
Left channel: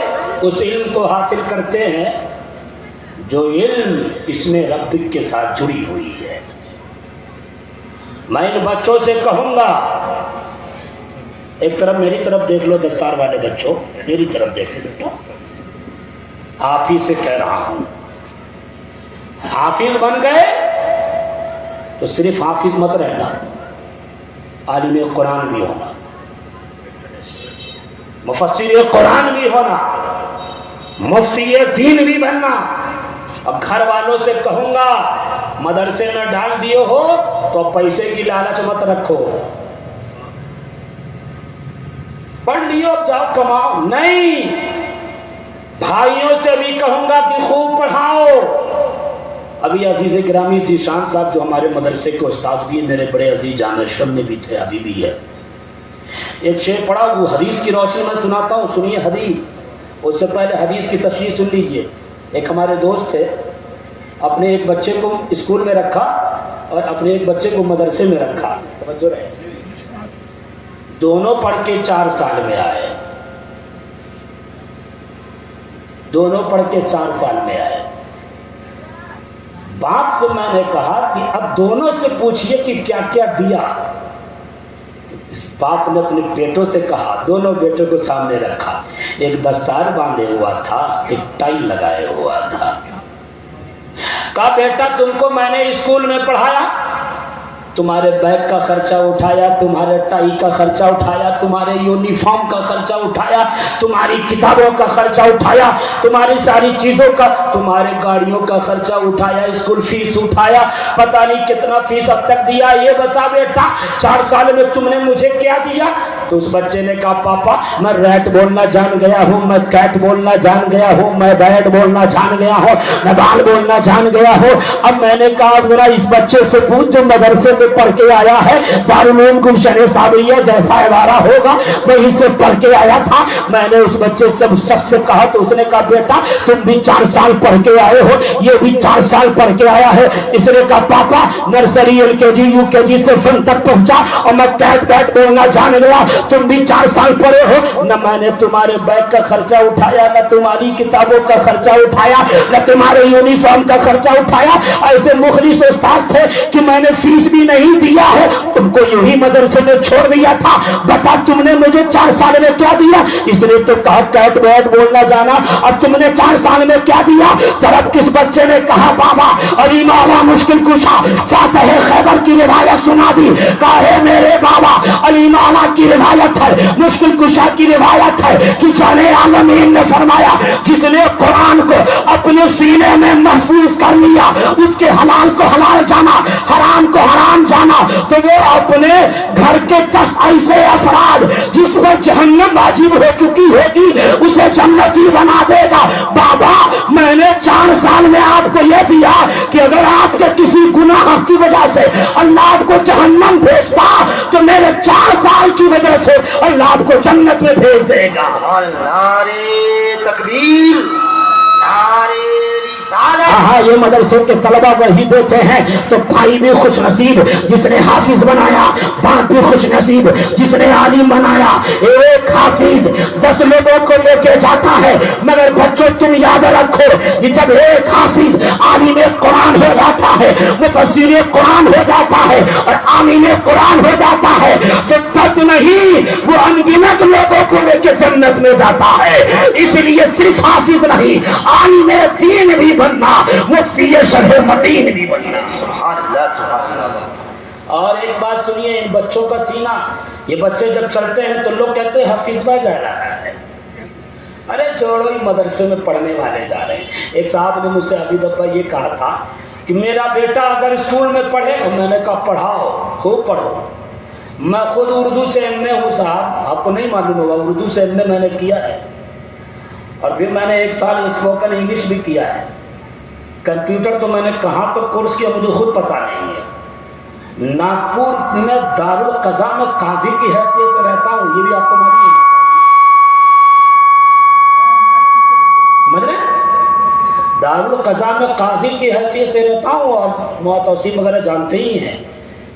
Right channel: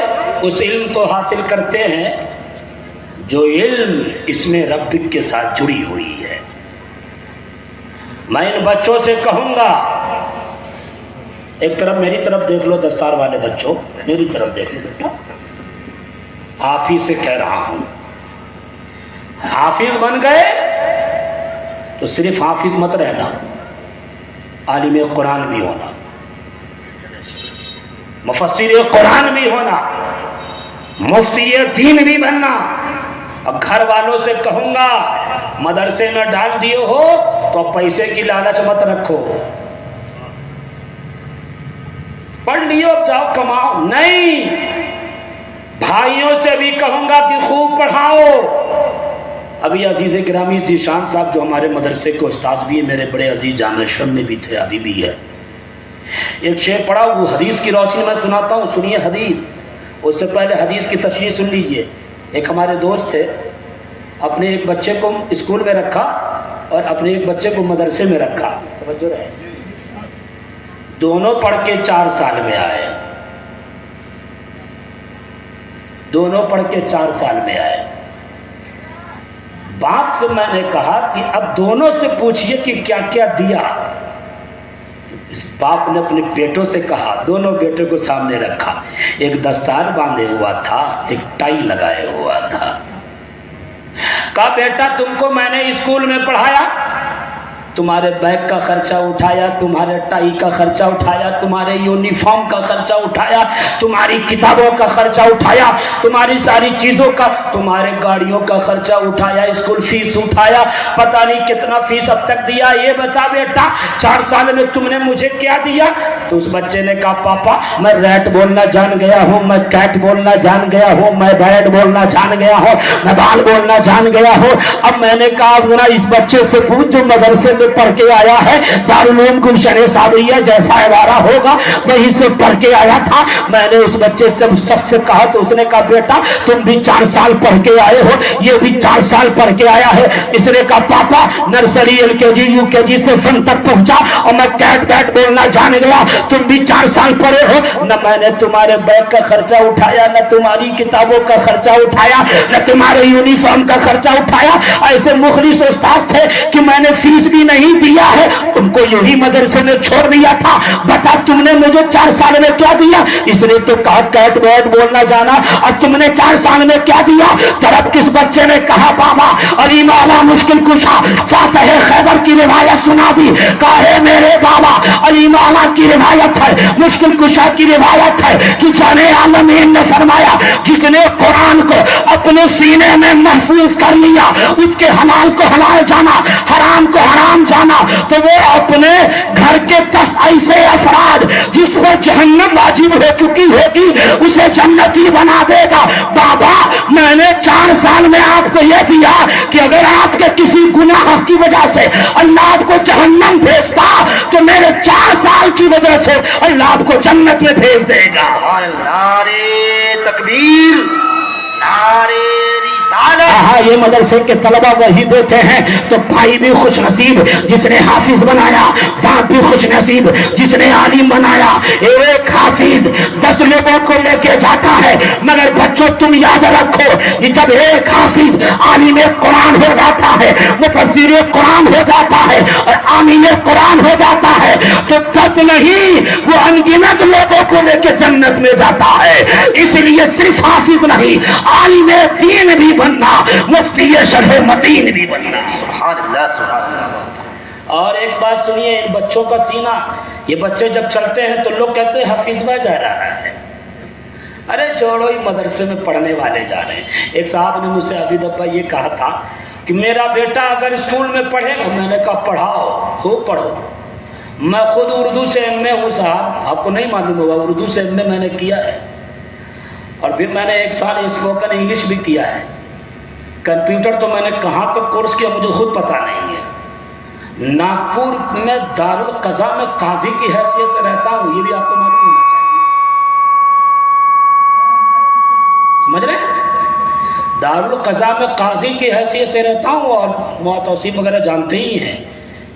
اس علم کو حاصل کرتے ہیں جو علم اس میں رب کے ساتھ جڑی ہوئی ہے. میں ان بچوں سے کہوں گا, ایک طرف میری طرف دیکھ لو, دستار والے بچوں میری طرف دیکھ لو بیٹا, آپ ہی سے کہہ رہا ہوں, حافظ بن گئے تو صرف حافظ مت رہنا, عالم قرآن بھی ہونا, مفسر قرآن بھی ہونا, مفتی دین بھی بننا. اب گھر والوں سے کہوں گا مدرسے میں ڈال دیے ہو تو پیسے کی لالچ مت رکھو, پڑھ لیو اب جاؤ کماؤ. نہیں, بھائیوں سے بھی کہوں گا کہ خوب پڑھاؤ. ابھی عزیز گرامی ذیشان صاحب جو ہمارے مدرسے کے استاد بھی ہیں, میرے بڑے عزیز جامع شر میں بھی تھے, ابھی بھی ہے. ایک شعر پڑھا, وہ حدیث کی روشنی میں سناتا ہوں, سنیے حدیث. اس سے پہلے حدیث کی تشریح سن لیجئے. ایک ہمارے دوست تھے, اپنے ایک بچے کو اسکول میں رکھا اور اپنے ایک بچے کو مدرسے میں رکھا. توجہ رہے, دونوں پڑھ کے 4 سال میں آئے, دونوں پڑھ کے 4 سال میں آئے. باپ سے میں نے کہا کہ اب دونوں سے پوچھئے کہ کیا کیا دیا. اس باپ نے اپنے بیٹوں سے کہا, دونوں بیٹوں کو سامنے رکھا, ایک دستار باندھے ہوا تھا, ایک ٹائی لگائے ہوا تھا. کہا بیٹا تم کو میں نے اسکول میں پڑھایا, تمہارے بیگ کا خرچہ اٹھایا, تمہارے ٹائی کا خرچہ اٹھایا, تمہارے یونیفارم کا خرچہ اٹھایا, تمہاری کتابوں کا خرچہ اٹھایا, تمہاری ساری چیزوں کا, تمہارے گاڑیوں کا خرچہ اٹھایا, اسکول فیس اٹھایا, پتہ نہیں کتنا فیس اب تک دیا. یہ بتا بیٹا 4 سال میں تم نے مجھے کیا دیا؟ تو اس بچے نے کہا پاپا میں ریٹ بولنا جان گیا ہوں, میں کیٹ بولنا جان گیا ہوں, میں بیٹ بولنا جان گیا ہوں, میں بال بولنا جان گیا ہوں. اب میں نے کہا ذرا اس بچے سے پوچھ جو مدرسے میں پڑھ کے آیا ہے, دارالعلوم گلشن صابریہ جیسا ادارہ ہوگا وہیں سے پڑھ کے آیا تھا. میں نے اس بچے سے شخص سے کہا تو اس نے کہا بیٹا تم بھی 4 سال پڑھ کے آئے ہو, یہ بھی 4 سال پڑھ کے آیا ہے. اس نے کہا پاپا نرسری LKG UKG سے فن تک پہنچا اور میں کیٹ بیٹ بولنا جان گیا, تم بھی 4 سال پڑھے ہو. نہ میں نے تمہارے بیگ کا خرچہ اٹھایا, نہ تمہاری کتابوں کا خرچہ اٹھایا, نہ تمہارے یونیفارم کا خرچہ اٹھایا. ایسے مخلص استاد تھے کہ میں نے فیس بھی نہیں دیا ہے, تم کو یوں ہی مدرسے میں چھوڑ دیا تھا. بتا تم نے مجھے 4 سال میں کیا دیا؟ اس نے تو کہا کیٹ بیٹ بولنا جانا, اور تم نے 4 سال میں کیا دیا؟ طرف کس بچے نے کہا بابا علی مولا مشکل کشا فاتح خیبر کی روایت سنا دی. کہا ہے میرے بابا علی مولا کی روایت ہے, مشکل کشا کی روایت ہے کہ جان عالمین نے فرمایا جس نے قرآن کو اپنے سینے میں محفوظ کر لیا, اس کے حلال کو حلال جانا, حرام کو حرام جانا, تو وہ اپنے گھر کے 10 ایسے افراد جس پر جہنم واجب ہو چکی ہوگی اسے جنتی بنا دے گا. بابا میں نے 4 سال میں آپ کو یہ دیا کہ اگر آپ کے کسی گناہ کی وجہ سے اللہ آپ کو جہنم بھیجتا تو میرے 4 سال کی وجہ سے اللہ آپ کو جنت میں بھیج دے گا. نعرے تکبیر, نعرے ہاں یہ مدرسے کے طلبہ وہی دیتے ہیں. تو بھائی بھی خوش نصیب جس نے حافظ بنایا, باپ بھی خوش نصیب جس نے عالم بنایا. ایک حافظ 10 لوگوں کو لے کے جاتا ہے, مگر بچوں تم یاد رکھو کہ جب ایک حافظ عالم قرآن ہو جاتا ہے, مفسر قرآن ہو جاتا ہے اور عالم قرآن ہو جاتا ہے, تو 10 نہیں وہ انگنت لوگوں کو لے کے جنت میں جاتا ہے. اس لیے صرف حافظ نہیں, عالم دین بھی بننا, مفتی شرح متین بھی بننا. سبحان اللہ سبحان اللہ. اور ایک بات سنیے, ان بچوں کا سینہ, یہ بچے جب چلتے ہیں تو لوگ کہتے ہیں حفیظ بھائی جا رہا ہے. ارے چھوڑو, ہی مدرسے میں پڑھنے والے جا رہے ہیں. ایک صاحب نے مجھ سے ابھی دفعہ یہ کہا تھا کہ میرا بیٹا اگر اسکول میں پڑھے گا, میں نے کہا پڑھاؤ, خوب پڑھو. میں خود اردو سے ایم اے ہوں صاحب, آپ کو نہیں معلوم ہوگا, اردو سے ایم اے میں نے کیا ہے. اور پھر میں نے 1 سال اسپوکن انگلش بھی کیا ہے. کمپیوٹر تو میں نے کہاں تک کورس کیا مجھے خود پتہ نہیں ہے. ناگپور میں دارالقضا میں قاضی کی حیثیت سے رہتا ہوں, یہ بھی آپ کو معلوم ہونا چاہیے. سمجھ رہے؟ دارالقضا میں قاضی کی حیثیت سے رہتا ہوں. اور توصیف وغیرہ جانتے ہی ہیں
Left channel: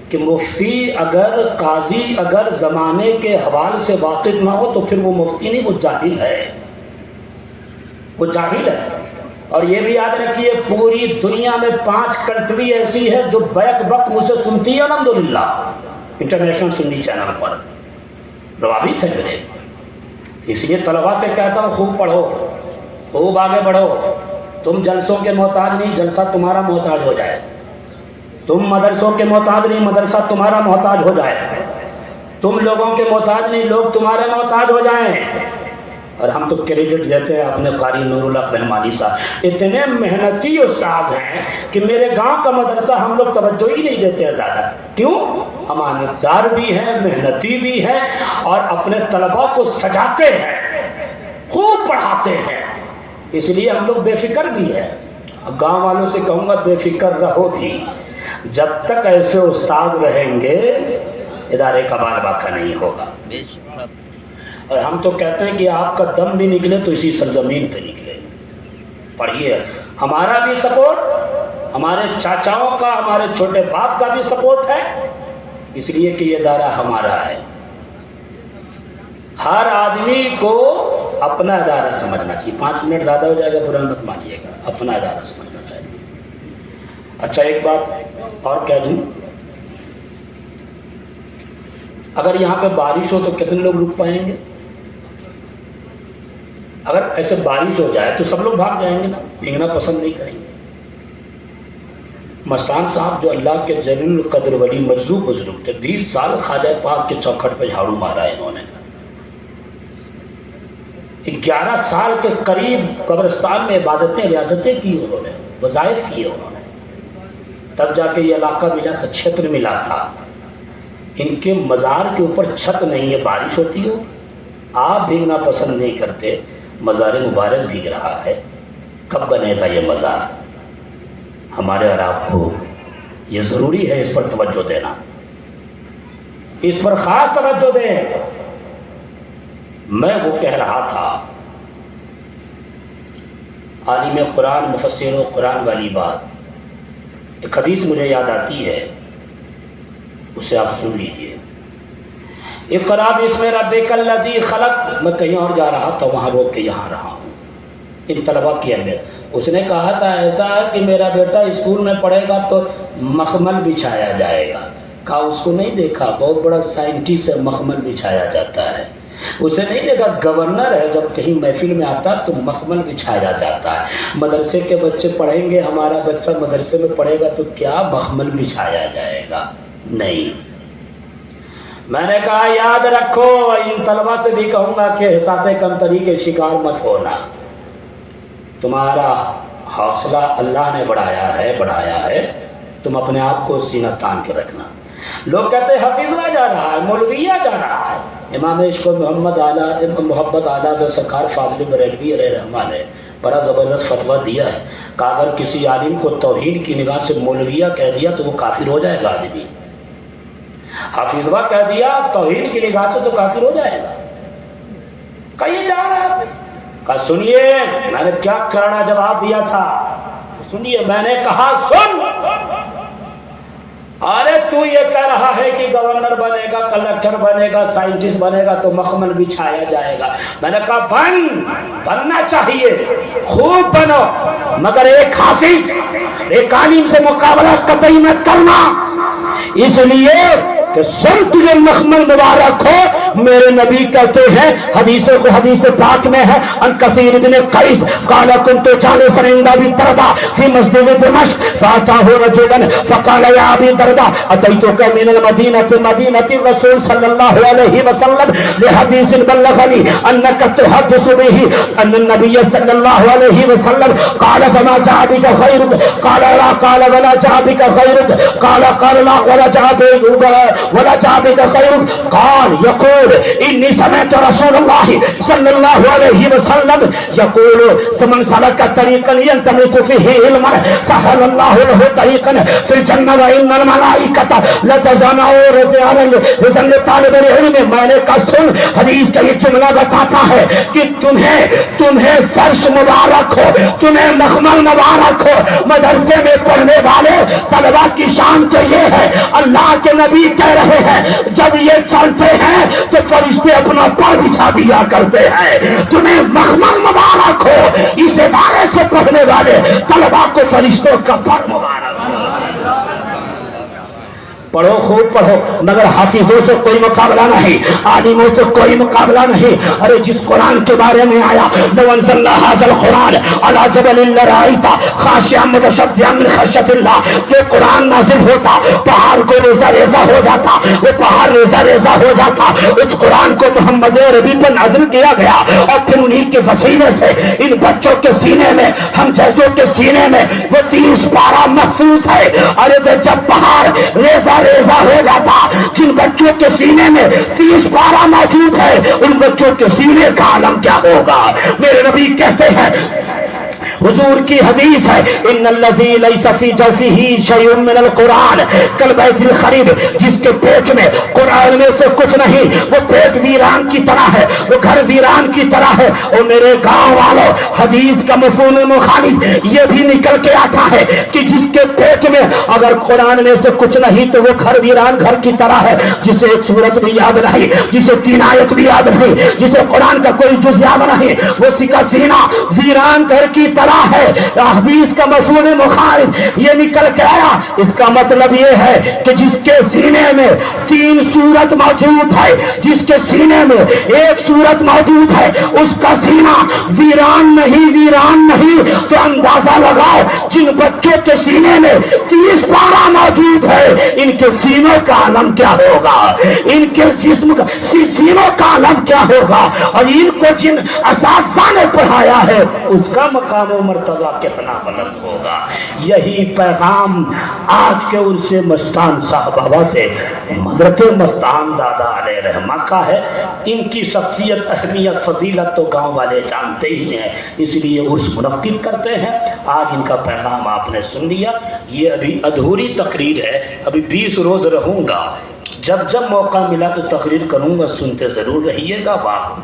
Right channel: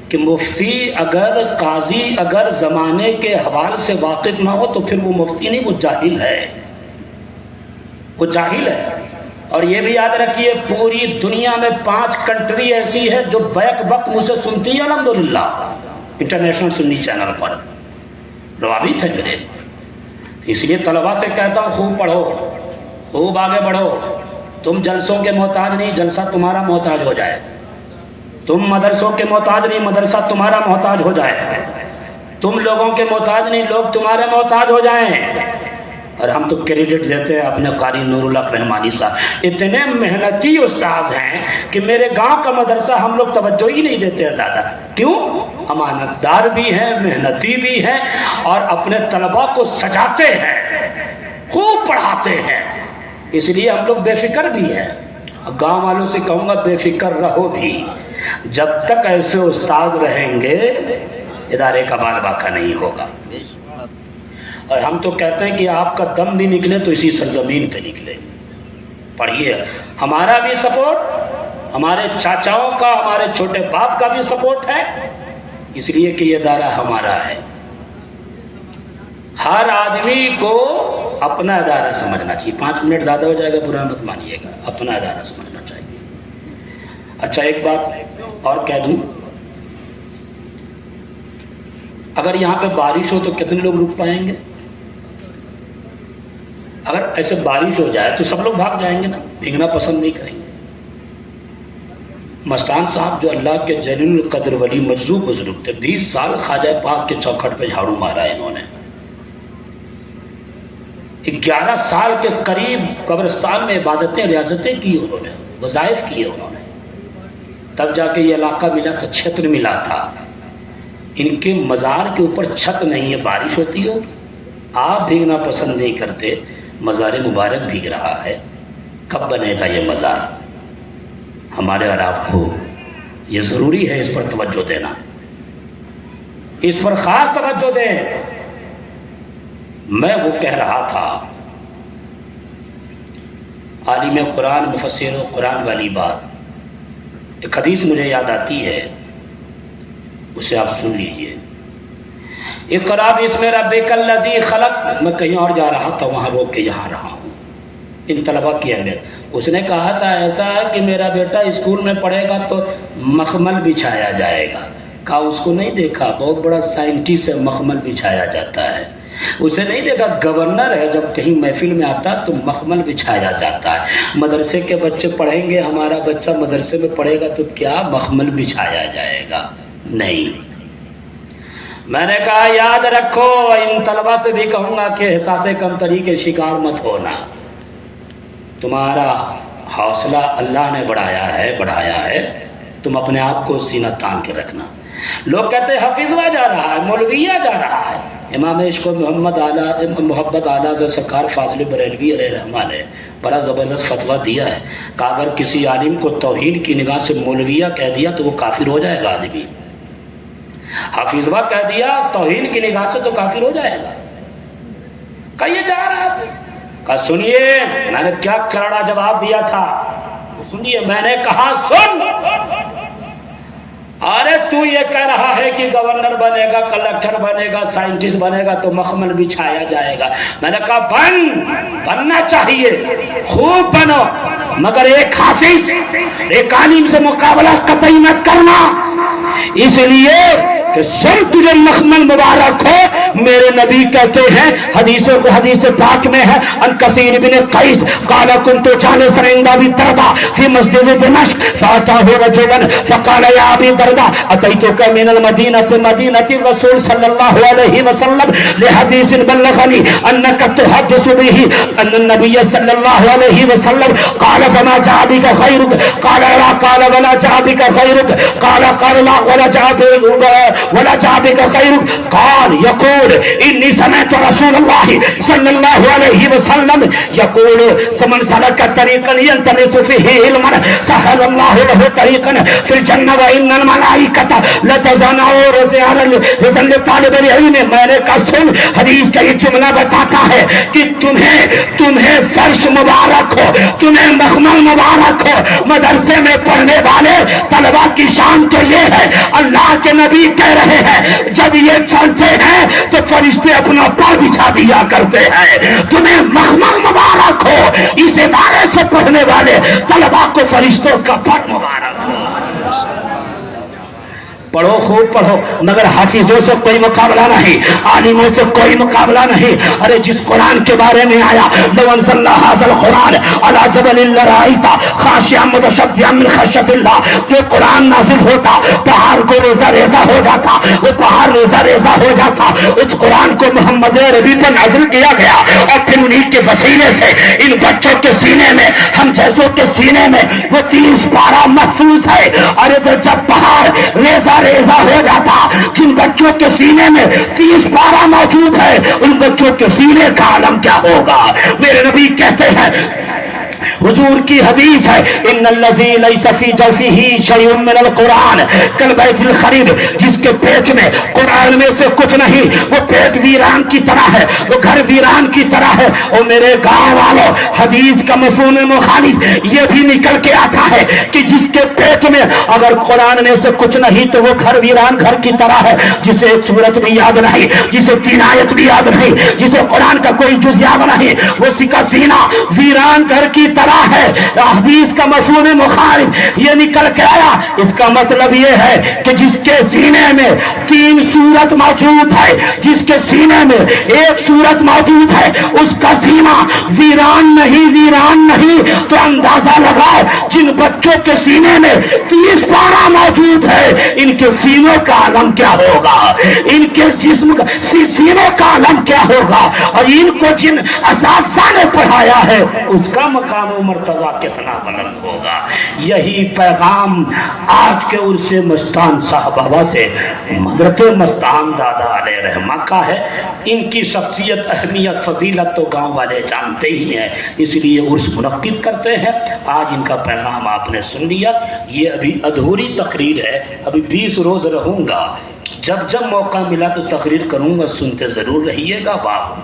کہ مفتی اگر قاضی اگر زمانے کے حوالے سے واقف نہ ہو تو پھر وہ مفتی نہیں, وہ جاہل ہے, وہ جاہل ہے. اور یہ بھی یاد رکھیے, پوری دنیا میں 5 کنٹری ایسی ہے جو بیک وقت مجھ سے سنتی ہے الحمدللہ, انٹرنیشنل سنی چینل پر روابط ہے میرے. اس لیے طلباء سے کہتا ہوں خوب پڑھو, خوب آگے بڑھو. تم جلسوں کے محتاج نہیں, جلسہ تمہارا محتاج ہو جائے. تم مدرسوں کے محتاج نہیں, مدرسہ تمہارا محتاج ہو جائے. تم لوگوں کے محتاج نہیں, لوگ تمہارے محتاج ہو جائیں. اور ہم تو کریڈٹ دیتے ہیں اپنے قاری نور الحق رحمانی صاحب, اتنے محنتی استاذ ہیں کہ میرے گاؤں کا مدرسہ ہم لوگ توجہ ہی نہیں دیتے ہیں زیادہ. کیوں؟ امانت دار بھی ہیں, محنتی بھی ہیں, اور اپنے طلباء کو سجاتے ہیں, خوب پڑھاتے ہیں. اس لیے ہم لوگ بے فکر بھی ہیں. اب گاؤں والوں سے کہوں گا بے فکر رہو بھی, جب تک ایسے استاد رہیں گے ادارے کا بال باقا نہیں ہوگا. اور ہم تو کہتے ہیں کہ آپ کا دم بھی نکلے تو اسی سرزمین پہ نکلے. پڑھیے, ہمارا بھی سپورٹ, ہمارے چاچاؤں کا, ہمارے چھوٹے باپ کا بھی سپورٹ ہے, اس لیے کہ یہ ادارہ ہمارا ہے. ہر آدمی کو اپنا ادارہ سمجھنا چاہیے. 5 منٹ زیادہ ہو جائے گا, برا مت مانیے گا, اپنا ادارہ سمجھنا چاہیے. اچھا ایک بات اور کہہ دوں, اگر یہاں پہ بارش ہو تو کتنے لوگ رک پائیں گے؟ اگر ایسے بارش ہو جائے تو سب لوگ بھاگ جائیں گے نا, بھیگنا پسند نہیں کریں گے. مستان صاحب جو اللہ کے جلیل القدر ولی مجذوب بزرگ تھے, 20 سال خواجہ پاک کے چوکھٹ پہ جھاڑو مارا ہے انہوں نے. 11 سال کے قریب قبرستان میں عبادتیں ریاضتیں کی انہوں نے, وظائف کیے انہوں نے, تب جا کے یہ علاقہ ملا تھا, چھتر ملا تھا. ان کے مزار کے اوپر چھت نہیں ہے, بارش ہوتی ہو, آپ بھیگنا پسند نہیں کرتے, مزار مبارک بھیگ رہا ہے. کب بنے گا یہ مزار؟ ہمارے اور آپ کو یہ ضروری ہے اس پر توجہ دینا, اس پر خاص توجہ دیں. میں وہ کہہ رہا تھا, عالم قرآن مفسر و قرآن والی بات, ایک حدیث مجھے یاد آتی ہے, اسے آپ سن لیجئے. اقرا باسم ربک الذی خلق, میں کہیں اور جا رہا تھا, وہاں روک کے یہاں رہا ہوں. ان طلباء کی اہمیت, اس نے کہا تھا ایسا کہ میرا بیٹا اسکول میں پڑھے گا تو مخمل بچھایا جائے گا. کہا اس کو نہیں دیکھا, بہت بڑا سائنٹسٹ ہے, مخمل بچھایا جاتا ہے. اسے نہیں دیکھا, گورنر ہے, جب کہیں محفل میں آتا تو مخمل بچھایا جاتا ہے. مدرسے کے بچے پڑھیں گے, ہمارا بچہ مدرسے میں پڑھے گا تو کیا مخمل بچھایا جائے گا؟ نہیں. میں نے کہا یاد رکھو, ان طلباء سے بھی کہوں گا کہ احساس کمتری کے شکار مت ہونا. تمہارا حوصلہ اللہ نے بڑھایا ہے, تم اپنے آپ کو سینہ تان کے رکھنا. لوگ کہتے ہیں حفیظ ہوا جا رہا ہے, مولویہ جا رہا ہے. امام عشق و محبت اعلیٰ سے سرکار فاضل بریلوی علیہ رحمہ نے بڑا زبردست فتویٰ دیا ہے کہ اگر کسی عالم کو توہین کی نگاہ سے مولویہ کہہ دیا تو وہ کافر ہو جائے گا. آدمی حفیظہ کہہ دیا توہین کی نگاہ سے تو کافر ہو جائے گا. کہیے جا رہا ہے, کہا سنیے میں نے کیا کرڑا جواب دیا تھا, سنیے. میں نے کہا سن, ارے تو یہ کہہ رہا ہے کہ گورنر بنے گا, کلکٹر بنے گا, سائنٹسٹ بنے گا تو مخمل بچھایا جائے گا. میں نے کہا بننا چاہیے, خوب بنو, مگر ایک حافظ ایک عالم سے مقابلہ قطعی مت کرنا, اس لیے کہ سن تجھے مخمل مبارک ہو میرے نبی کہتے ہیں حدیث پاک میں ہے ان کثیر بن قیس قال كنت جالسا عند ابي الدرداء في مسجد دمشق فاتاه رجل فقال يا ابي الدرداء اتيتك من المدينه مدينه الرسول صلى الله عليه وسلم لحديث بلغني انك تحدث به ان النبي صلى الله عليه وسلم قال فما جاء بك غيرك قال لا قال ولا جاء بك غيرك قال لا ولا جاء بك غيرك قال يقول اني سمعت رسول الله صلى الله عليه وسلم يقول من سلك طريقا يلتمس فيه علما سهل الله له طريقا في الجنه وان الملائكه لتزنوا رزق طالب العلم. میں نے کہا سن حدیث کا یہ جملہ بتاتا ہے کہ تمہیں فرش مبارک ہو, تمہیں مخمل مبارک ہو. مدرسے میں پڑھنے والے طلبا کی شان تو یہ ہے, اللہ کے نبی کہہ رہے ہیں جب یہ چلتے ہیں تو فرشتے اپنا پاؤں بچھا دیا کرتے ہیں. تمہیں مخمل مبارک ہو. اس ادارے سے پڑھنے والے طلبا کو فرشتوں کا پر مبارک ہو. پڑھو خوب پڑھو, مگر حافظوں سے کوئی مقابلہ نہیں, عالموں سے کوئی مقابلہ نہیں. ارے جس قرآن کے بارے میں آیا لو انزلنا هذا القرآن على جبل لرأيت خاشعا متصدعا من خشية الله, کہ قرآن نازل ہوتا پہاڑ کو ریزہ ریزہ ہو جاتا, وہ پہاڑ ریزہ ریزہ ہو جاتا. اس قرآن کو محمد عربی پر نازل کیا گیا اور پھر انہیں کے وسیلے سے ان بچوں کے سینے میں, ہم جیسوں کے سینے میں وہ 30 پارہ محفوظ ہے. ارے تو جب پہاڑ ریزہ ریزہ ہو جاتا, جن بچوں کے سینے میں 30 پارہ موجود ہے, ان بچوں کے سینے کا عالم کیا ہوگا. میرے نبی کہتے ہیں, حضور کی حدیث ہے ان الذی لیس فی جوفہ شیء من القرآن کالبیت الخریب, جس کے پیٹ میں قرآن میں سے کچھ نہیں وہ پیٹ ویران کی طرح ہے, وہ گھر ویران کی طرح ہے. اور میرے گاؤں والوں, حدیث کا مفہوم مخالف یہ بھی نکل کے آتا ہے کہ جس کے پیٹ میں اگر قرآن میں سے کچھ نہیں تو وہ گھر ویران گھر کی طرح ہے, جسے ایک سورت بھی یاد نہیں, جسے 3 آیت بھی یاد نہیں, جسے قرآن کا کوئی جز یاد نہیں, وہ سکا سینہ ویران گھر کی طرح ہے. حدیث کا مفہوم مخالف یہ نکل کے آیا. اس کا مطلب یہ ہے کہ جس کے سینے میں 3 سورت موجود ہے, جس کے سینے میں 1 سورت موجود ہے, اس کا سینہ ویران نہیں. تو اندازہ لگاؤ جن بچوں کے سینے میں 30 پارہ موجود ہے, ان کے سینوں کا عالم کیا ہوگا, ان کے جسم کا سینوں کا عالم کیا ہوگا. اور ان کو جن اساتذہ نے پڑھایا ہے اس کا مقام و مرتبہ کتنا بلند ہوگا. یہی پیغام آج کے عرس مستان صاحبہ سے حضرت مستان دادا علیہ رحمہ کا ہے. ان کی شخصیت, اہمیت, فضیلت تو گاؤں والے جانتے ہی ہیں, اس لیے عرس منعقد کرتے ہیں. آج ان کا پیغام آپ نے سن لیا. یہ ابھی ادھوری تقریر ہے, ابھی 20 روز رہوں گا, جب موقع ملا تو تقریر کروں گا, سنتے ضرور رہیے گا. واہ.